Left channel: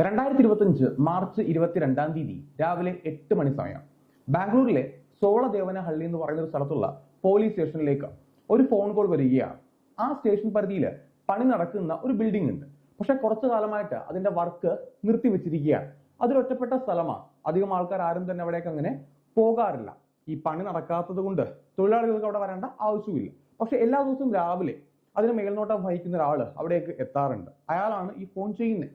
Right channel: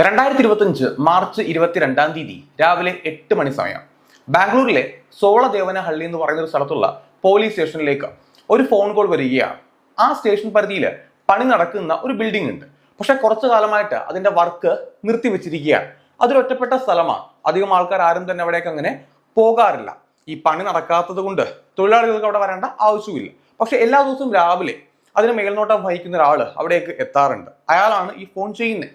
2025 March 22 രാവിലെ 8 മണി സമയം ബാംഗ്ലൂരിലെ സോളദേവനഹള്ളി എന്ന് പറയുന്ന ഒരു സ്ഥലത്തുള്ള പോലീസ് സ്റ്റേഷനിലേക്ക് ഒരു ഫോൺ കോൾ വരികയാണ്. ആ സ്റ്റേഷൻ പരിധിയിൽ പണി നടക്കുന്ന ഒരു ബിൽഡിംഗ് ഉണ്ട്. പക്ഷെ കുറച്ചു കാലമായിട്ട് അതിന്റെ വർക്ക് നിർത്തിവെച്ചിരിക്കുകയാണ്. അതൊരു ഒറ്റപ്പെട്ട സ്ഥലമാണ്. അധികം ആൾക്കാർ ആരും തന്നെ അവിടേക്ക് അങ്ങനെ പോകാറില്ല. ഈ പണി നടക്കാത്തത് കൊണ്ട് തൊഴിലാളികൾക്ക് അവിടെ വരേണ്ട ആവശ്യമില്ല. പക്ഷെ എല്ലാ ദിവസവും രാവിലെ അതിന് മേൽനോട്ടം വഹിക്കുന്ന ഒരാൾ അവിടേക്ക് എത്താറുണ്ട്. അയാളാണ് ഈ ഫോൺ ചെയ്യുന്നത്.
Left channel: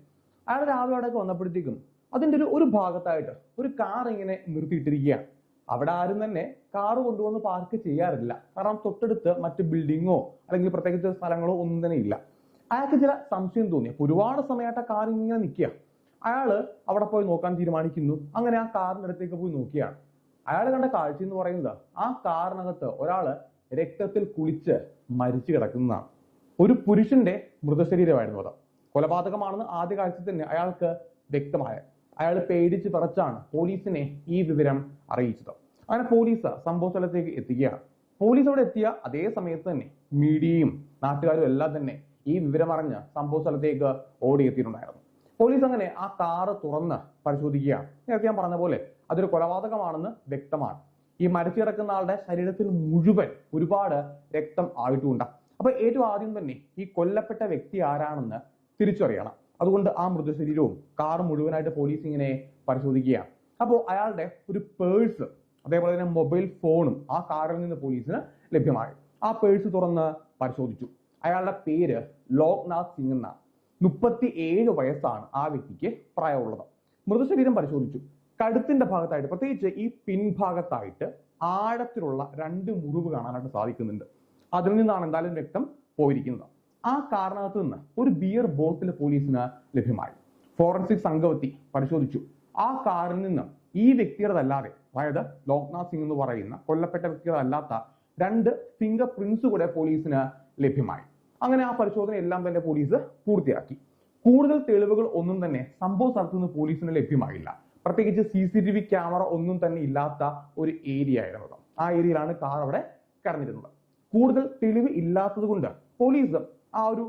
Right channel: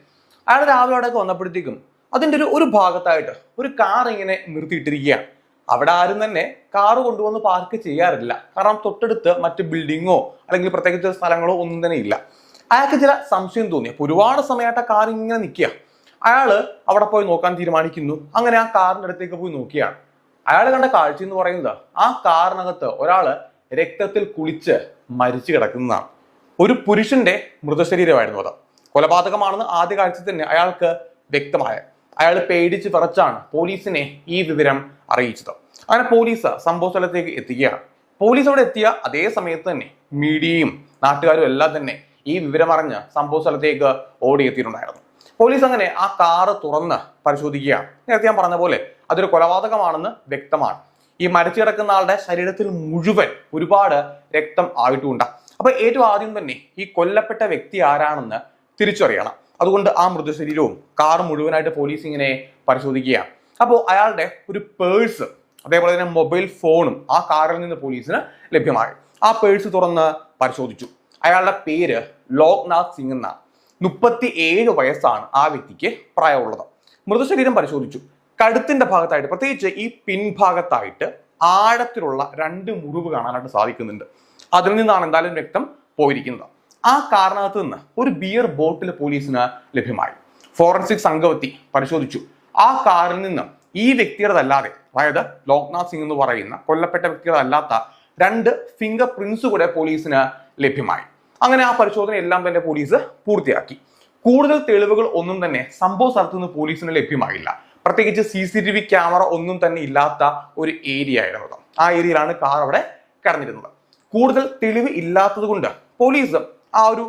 അയാൾ രാവിലെ അവിടേക്ക് വന്നപ്പോഴത്തേക്കും അതിൻ്റെ ഒരു ഭാഗത്തായിട്ട് ഒരു കാർ ഇങ്ങനെ നിർത്തിയിട്ടിരിക്കുകയാണ്. അവിടെ ആരും തന്നെ കാറ് കൊണ്ടുവന്ന് പാർക്ക് ചെയ്യാറില്ല. കാരണം തൊട്ടടുത്ത് മറ്റ് ബിൽഡിങ്ങോ അല്ലെങ്കിൽ പ്രത്യേകിച്ച് സ്ഥലങ്ങളോ ഒന്നും തന്നെ ഇല്ല. അയാൾക്ക് ചില സംശയം തോന്നി. അപ്പൊ ഒരുപാട് സമയമായിട്ട് ആ കാർ ഇങ്ങനെ നിൽക്കുക. അയാള് അവിടെ പോയി നോക്കാൻ തീരുമാനിക്കുന്നു. അങ്ങനെ ആ കാറിന്റെ അടുത്തേക്ക് പോയി നോക്കിയാണ്. അയാൾ കണ്ട കാഴ്ച എന്ന് പറയുന്നത് ആ കാറിനകത്ത് ഒരാള് രക്തത്തിൽ കുളിച്ച് മരിച്ചു കിടക്കുന്നതാണ്. ഒരു പുരുഷന്റെ മൃതശരീരമായിരുന്നു അത്. കൊലപാതകമാണെന്ന് ആദ്യ കാഴ്ച തന്നെ അയാൾക്ക് വ്യക്തമായ. അയാൾ പേടിച്ച് വിറച്ചാണ് പോലീസിനെ ഈ വിവരം അറിയിച്ചത്. അങ്ങനെ പോലീസ് സംഭവ സ്ഥലത്തേക്ക് എത്തുകയാണ്. പോലീസ് അവിടെ എത്തിയ അതേ സമയത്ത് തന്നെ മീഡിയയും നാട്ടുകാരും എല്ലാം തന്നെ ഈ വിവരം അറിഞ്ഞ് സംഭവ സ്ഥലത്തേക്ക് ഓടിയെത്തിയിട്ടുണ്ടായിരുന്നു. പോലീസ് അങ്ങനെ ആ കാറ് തുറന്ന് പരിശോധിക്കുകയാണ്. നേരത്തെ ഞാൻ പറഞ്ഞ പോലെ അതൊരു കൊലപാതകമാണെന്ന് വ്യക്തമാണ്. ഈ മരിച്ചു കിടക്കുന്ന ആളുടെ ശരീരത്തിൽ മുഴുവൻ ഒരുപാട് രക്തം ആയിട്ടുമുണ്ട്. അപ്പൊ ഏറ്റവും ആദ്യം തന്നെ ഈ കൊല്ലപ്പെട്ട വ്യക്തി ആരാണെന്ന് തിരിച്ചറിയണം. അതുകൊണ്ട് ആ മൃതശരീരവും കാർ മുഴുവനായിട്ട് പോലീസ് ഇങ്ങനെ പരിശോധിക്കുകയാണ്. അപ്പോൾ അയാളുടെ ഒരു പേഴ്സ് അതേപോലെ തന്നെ മൊബൈൽ ഫോണും ആ കാറിൽ നിന്ന് പോലീസിന് ലഭ്യമായി. ആ പേഴ്സ് തുറന്ന് പരിശോധിച്ചു. അയാളുടെ പേര് ലോക്നാഥ് സിംഗ് എന്നാണ്. 37 വയസ്സാണ് ആ വ്യക്തിക്ക് പ്രായമുള്ളത്. മൃതശരീരം പരിശോധിച്ചു. കഴുത്തിന്റെ ഭാഗത്തായിട്ട്, പ്രത്യേകിച്ച് ഈ പിൻഭാഗത്തായിട്ട് ആഴത്തിലുള്ള 2 മുറിവ് കാണാനായിട്ട് സാധിക്കുന്നുണ്ട്. അതിൽ നിന്നാണ് എന്തായാലും രക്തം പോയിരിക്കുന്നത്. ആ കാറിനകത്ത് നിന്ന് ഒരു ബിയർ ബോട്ടിൽ പോലീസിന് ലഭ്യമായി. ഫോറൻസിക് സംഘമെത്തി പരിശോധിച്ചു. ആ കാറിൽ നിന്ന് ഈ വ്യക്തിയുടേതല്ലാതെ, അതായത് ലോക്നാഥ് സിംഗ് എന്ന് പറയുന്ന കൊല്ലപ്പെട്ട വ്യക്തിയുടേതല്ലാത്ത 2 ഫിംഗർ പ്രിന്റ്സ് കൂടെ പോലീസിന് ലഭ്യമായി. അങ്ങനെ ആ പരിശോധന എല്ലാം തന്നെ പോലീസ് പൂർത്തിയാക്കി. കൂടുതൽ തെളിവുകൾ ഒന്നും തന്നെ സംഭവ സ്ഥലത്ത് നിന്ന് പോലീസിന് ലഭ്യമായില്ല. പ്രത്യേകിച്ച് CCTV ക്യാമറ ഒന്നും തന്നെ ഇല്ലാത്ത ഒരു ഏരിയ ആയിരുന്നു. ആ ഏരിയയിലാണ് കാർ അവിടെ കിടന്നിരുന്നത്. കൂടുതൽ തെളിവ് ഇല്ലാത്തത് കൊണ്ട് പോലീസ് ആ ഒരു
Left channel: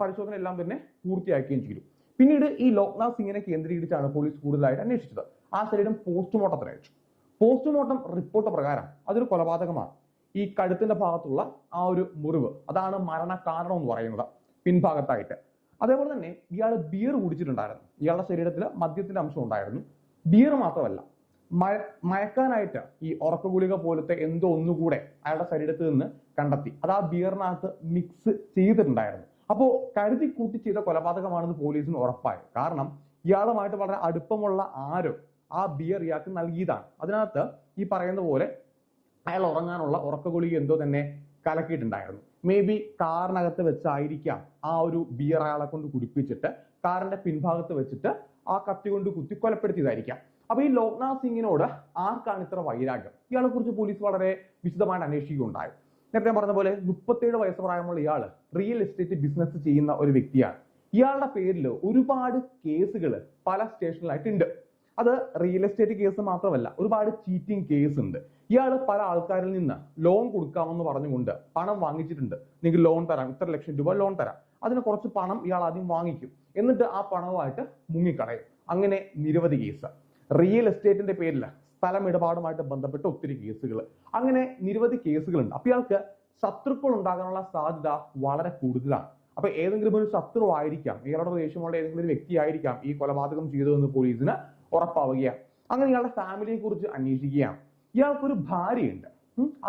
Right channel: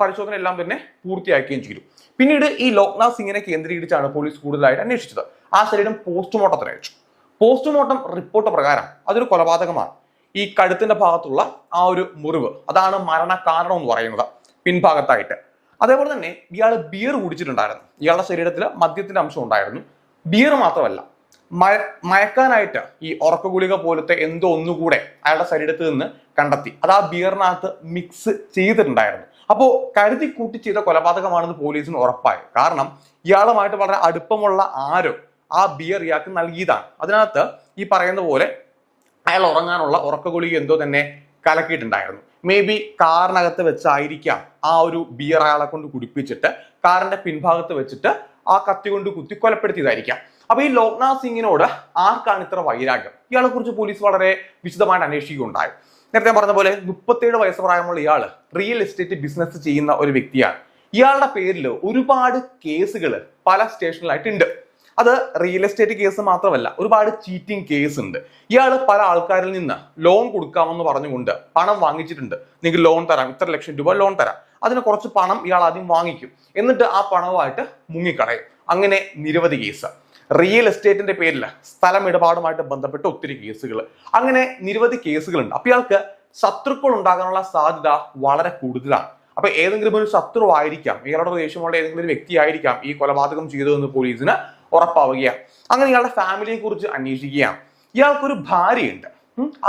പരിശോധന എല്ലാം തന്നെ പൂർത്തിയാക്കുകയും ചെയ്തു. പിന്നീട് ഈ ലോക്നാഥ് സിംഗിനെ കേന്ദ്രീകരിച്ചാണ് പോലീസ് കൂടുതലായിട്ട് അന്വേഷിച്ചത്. ആ ശരീരം പോസ്റ്റ്മോർട്ടത്തിന് അയച്ചു. പോസ്റ്റ്മോർട്ടം റിപ്പോർട്ട് പ്രകാരം അതൊരു കൊലപാതകമാണ്. ഈ കഴുത്തിന്റെ ഭാഗത്തുള്ള ആ ഒരു മുറിവ് അതാണ് മരണ കാരണം എന്ന് പറയുന്നത്, പിൻഭാഗത്തായിട്ട്. അതേപോലെ തന്നെ ഇയാൾ ബിയർ കുടിച്ചിട്ടുണ്ടായിരുന്നു. ഇയാളുടെ ശരീരത്തിൽ മദ്യത്തിന്റെ അംശം ഉണ്ടായിരുന്നു. ബിയർ മാത്രമല്ല, മയക്കാനായിട്ട് ഈ ഉറക്ക ഗുളിക പോലത്തെ എന്തോ ഒന്നുകൂടെ അയാളുടെ ശരീരത്തിൽ നിന്ന് കണ്ടെത്തി. അത് ആ ബിയറിനകത്ത് മിക്സ് ചെയ്തിട്ടുണ്ടായിരുന്നു. അപ്പോൾ കരുതി കൂട്ടി ചെയ്ത കൊലപാതകമാണെന്ന് പോലീസിന് ഉറപ്പായി. കാരണം ഇയാളുമായിട്ട് വളരെ അടുപ്പമുള്ള ആരോ ആ ബിയർ ഇയാൾക്ക് നൽകിയതാണ്. അതിനകത്ത് ഈ പറയുന്ന പോലെ അയാൾ ഉറങ്ങാനുള്ള ഉറക്ക ഗുളിക എന്തോ തന്നെ കലക്കിയിട്ടുണ്ടായിരുന്നു. മേ ബി കാറിനകത്ത് വെച്ചായിരിക്കാം ആ ഒരു ബിയർ അയാളെ കൊണ്ട് കുടിപ്പിച്ചിട്ട് കാറിന്റെ പിൻഭാഗത്ത് വെച്ചിട്ട് ആ കത്തി കൊണ്ട് കുത്തി കൊലപ്പെടുത്തിയതായിരിക്കാം. അപ്പൊ ഈ ലോക്നാഥ് സിംഗിനോട് ആർക്കാണ് ഇത്ര വൈരാഗ്യം? ഇയാളെ കുറിച്ച് പോലീസ് വളരെ വിശദമായിട്ട് അന്വേഷിക്കുകയുണ്ടായി. നേരത്തെ പറഞ്ഞ പോലെ 37 വയസ്സ് പ്രായമുള്ള ഇയാള് റിയൽ എസ്റ്റേറ്റ് ബിസിനസ് ചെയ്യുന്ന ഒരു വ്യക്തിയാണ്. ഇയാളുടെ പേരിൽ ഒരുപാട് കേസുകൾ പല സ്റ്റേഷനിലായിട്ടുണ്ട്. അത് റിയൽ എസ്റ്റേറ്റ് കേസ് മാത്രമല്ല, ഒരുപാട് ചീറ്റിംഗ് കേസ് ഉണ്ട്. ഇയാൾ പല ആൾക്കാരിൽ നിന്ന് ലോൺ കൊടുക്കാമെന്ന് പറഞ്ഞുകൊണ്ട് പണം വാങ്ങിച്ചിട്ടുണ്ട്. നിങ്ങൾക്ക് ലോൺ തരാം, ഇത്ര ലക്ഷം രൂപ ലോൺ തരാം. അതിന് കുറച്ച് പണം ഇയാൾ ആദ്യം വാങ്ങിക്കും, എന്നിട്ട് ആ പണവുമായിട്ട് മുങ്ങിക്കളയും. അങ്ങനെ നിരവധി കേസ്. റിയൽ എസ്റ്റേറ്റിന്റെ പേരിൽ സ്ഥലം ഇടപാടുമായിട്ട് ബന്ധപ്പെട്ട ഒത്തിരി കേസുകൾ, അങ്ങനെ നിരവധി കേസുകളുണ്ട്. അപ്പൊ ഇയാൾക്ക് ശത്രുക്കൾ ഉണ്ടാകാനുള്ള സാധ്യത വളരെ കൂടുതലാണ്. അപ്പൊ ഏതെങ്കിലും ഒരു ശത്രു ആയിരിക്കാം, ഇയാളുടെ ദേഷ്യമുള്ള ഏതെങ്കിലും ഒരു വ്യക്തി ആയിരിക്കാം ഈ കൊലപാതകം ചെയ്തതെന്ന് പോലീസിന് ഉറപ്പാവുകയാണ്. അങ്ങനെ ഇയാളുടെ ഫാമിലിയെ കുറിച്ച് അന്വേഷിക്കുകയാണ്. ഇയാൾക്കൊരു ഭാര്യയുണ്ട്.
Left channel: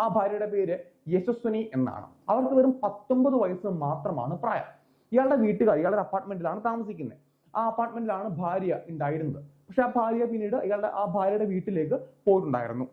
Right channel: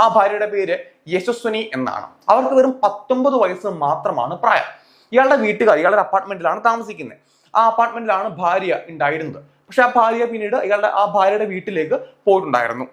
ആ ഭാര്യയുടെ പേര് യശസ്വനി എന്നാണ്. അവർക്ക് വെറും 19 വയസ്സ് മാത്രമാണ് പ്രായം. ഇയാളുടെ വീട്ടുകാർ ഇയാളുടെ അപ്പാർട്ട്മെന്റിലാണ് താമസിക്കുന്നത്. ആ അപ്പാർട്ട്മെന്റിലാണ് ഭാര്യ ഉണ്ടായിരുന്നത്. പക്ഷെ ആ ഭാര്യ പിന്നീട് ആ ഭാര്യയുടെ വീട്ടിലേക്ക് പോയിട്ടുണ്ടായിരുന്നു.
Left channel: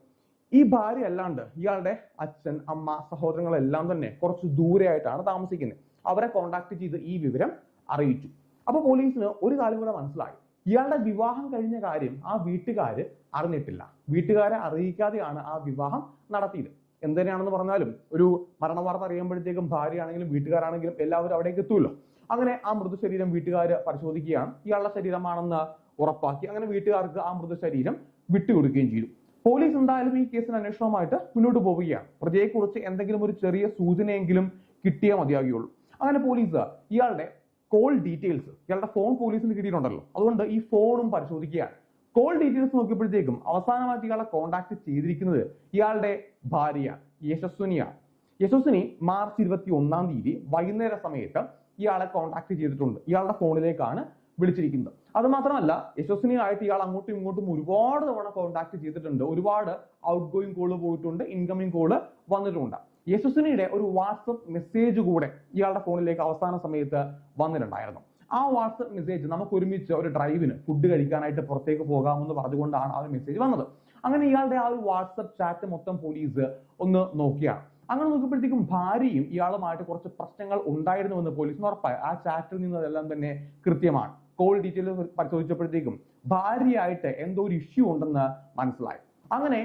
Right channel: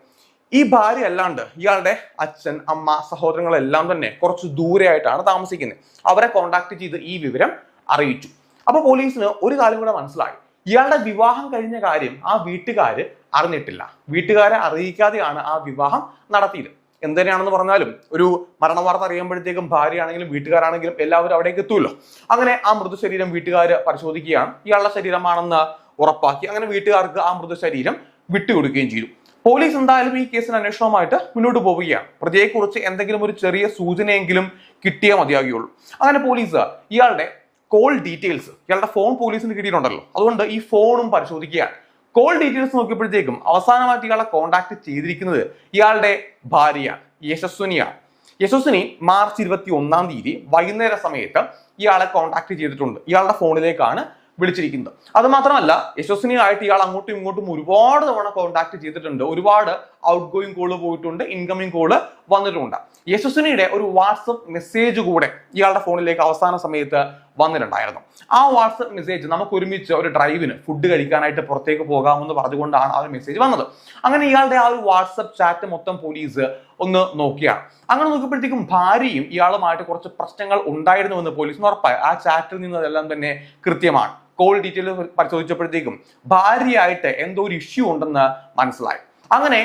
ഈ ഭാര്യ അല്ലാണ്ട് ഇയാളുടെ അച്ഛൻ, അമ്മ, സഹോദരങ്ങളെല്ലാം തന്നെ കുറച്ച് ദൂരെയായിട്ടാണ് താമസിക്കുന്നത്. അവരെ കോണ്ടാക്ട് ചെയ്ത് ഈ വിവരം അറിയിച്ചു. അപ്പൊ പോലീസിന് ഒരു കാര്യം കൂടെ മനസ്സിലായി. ഇയാളുടെ വിവാഹം കഴിഞ്ഞ കാര്യം ആ വീട്ടുകാര് അറിഞ്ഞിട്ടില്ല. വീട്ടുകാരെ അറിയിക്കാതെയാണ് ആ വിവാഹം നടത്തിയത്. എന്തിനാണെന്ന് പറഞ്ഞാലും ഒരു മരണ വാർത്ത അറിയുമ്പോഴത്തേക്കും ഭാര്യയാണെങ്കിലും വീട്ടുകാരാണെങ്കിലും എല്ലാവരും അവിടേക്ക് എത്തുമല്ലോ. അങ്ങനെ ആ മൃതശരീരം വീട്ടുകാര് പരിശോധിക്കുകയാണ്. ഇയാളുടെ ശരീരമാണെന്ന് ഉറപ്പാക്കി. അങ്ങനെ വീട്ടുകാർക്ക് ആ മൃതശരീരം വിട്ടുകൊടുക്കുകയും ചെയ്തു. പോലീസ് എന്തായാലും ഈ കേസിന് അന്വേഷണവുമായിട്ട് മുന്നോട്ട് പോവുകയാണ്. പ്രതിയെക്കുറിച്ച് എന്തെങ്കിലും ഒരു ചെറിയ സൂചനയെങ്കിലും കിട്ടിയേ മതിയാകുകയുള്ളൂ. അങ്ങനെ പോലീസ് ഇയാളുടെ കോൾ ഡീറ്റെയിൽസ്, ഇയാളുടെ ഫോൺ പോലീസിന് കിട്ടിയിട്ടുണ്ടല്ലോ, അതുകൊണ്ട് ഈ ഫോണും പരിശോധിക്കുകയാണ്. കോൾ ഡീറ്റെയിൽസ് നോക്കിയപ്പോഴത്തേക്കും അവസാനമായിട്ട് ഇയാളെ കോൺടാക്ട് ചെയ്തിരിക്കുന്നത് ഇയാളുടെ ഭാര്യ യശസ്വിനിയാണ്. യശസ്വിനി മാർച്ച് 21 വൈകുന്നേര സമയത്ത് ഇയാളെ കോൺടാക്ട് ചെയ്തിട്ടുണ്ട്. ഇയാളുടെ ഫോണിലേക്കാണ് വിളിച്ചിരിക്കുന്നത്. അത് മാത്രമല്ല, യശസ്വിനിയായിട്ട് ഇയാൾ അങ്ങോട്ടും ഇങ്ങോട്ടും ഒരുപാട് തവണ കോൺടാക്ട് ചെയ്തിട്ടുണ്ട്. ഒരുപാട് ഔട്ട് ഗോയിങ് കോള് പോയിട്ടുണ്ട്, ഇൻകമിങ് കോള് വന്നിട്ടുണ്ട്. യശസ്വിനിയുടെ ഒരു വാട്സപ്പ് മെസ്സേജ് കൂടെ ഇയാളുടെ ഫോണിലേക്ക് അവസാന സമയത്ത് വന്നിട്ടുണ്ടായിരുന്നു. ആ വാട്സപ്പ് മെസ്സേജ് നമുക്ക് ഒരുമിച്ച് ഒരു ഡ്രൈവിന് ഫുഡ് കഴിക്കാനായിട്ട് പുറത്തേക്ക് പോകാമെന്ന് പറഞ്ഞുകൊണ്ടാണ് ആ ഒരു മെസ്സേജ് വന്നത്. അങ്ങനെ ഇയാളുടെ ആ ഒരു വാട്സപ്പ് ചാറ്റ് മൊത്തം പോലീസ് ഒന്ന് നോക്കിയാണ്. അങ്ങനെ നോക്കിയപ്പോഴത്തേക്കും ഭാര്യയും ഇയാളുമായിട്ട് കുറച്ച് പ്രശ്നങ്ങൾ ഉണ്ടായിരുന്നുവെന്ന് പോലീസിന് ഉറപ്പായി. ആ ചാറ്റിൽ നിന്നതെല്ലാം തന്നെ കൃത്യമാണ്. കോൾ ഡീറ്റെയിൽ പരിശോധിച്ചപ്പോഴത്തേക്കും ഭാര്യയായിട്ട് എന്തോ ഒരു ഇഷ്യൂ ഉണ്ടെന്ന് മനസ്സിലായി. അങ്ങനെ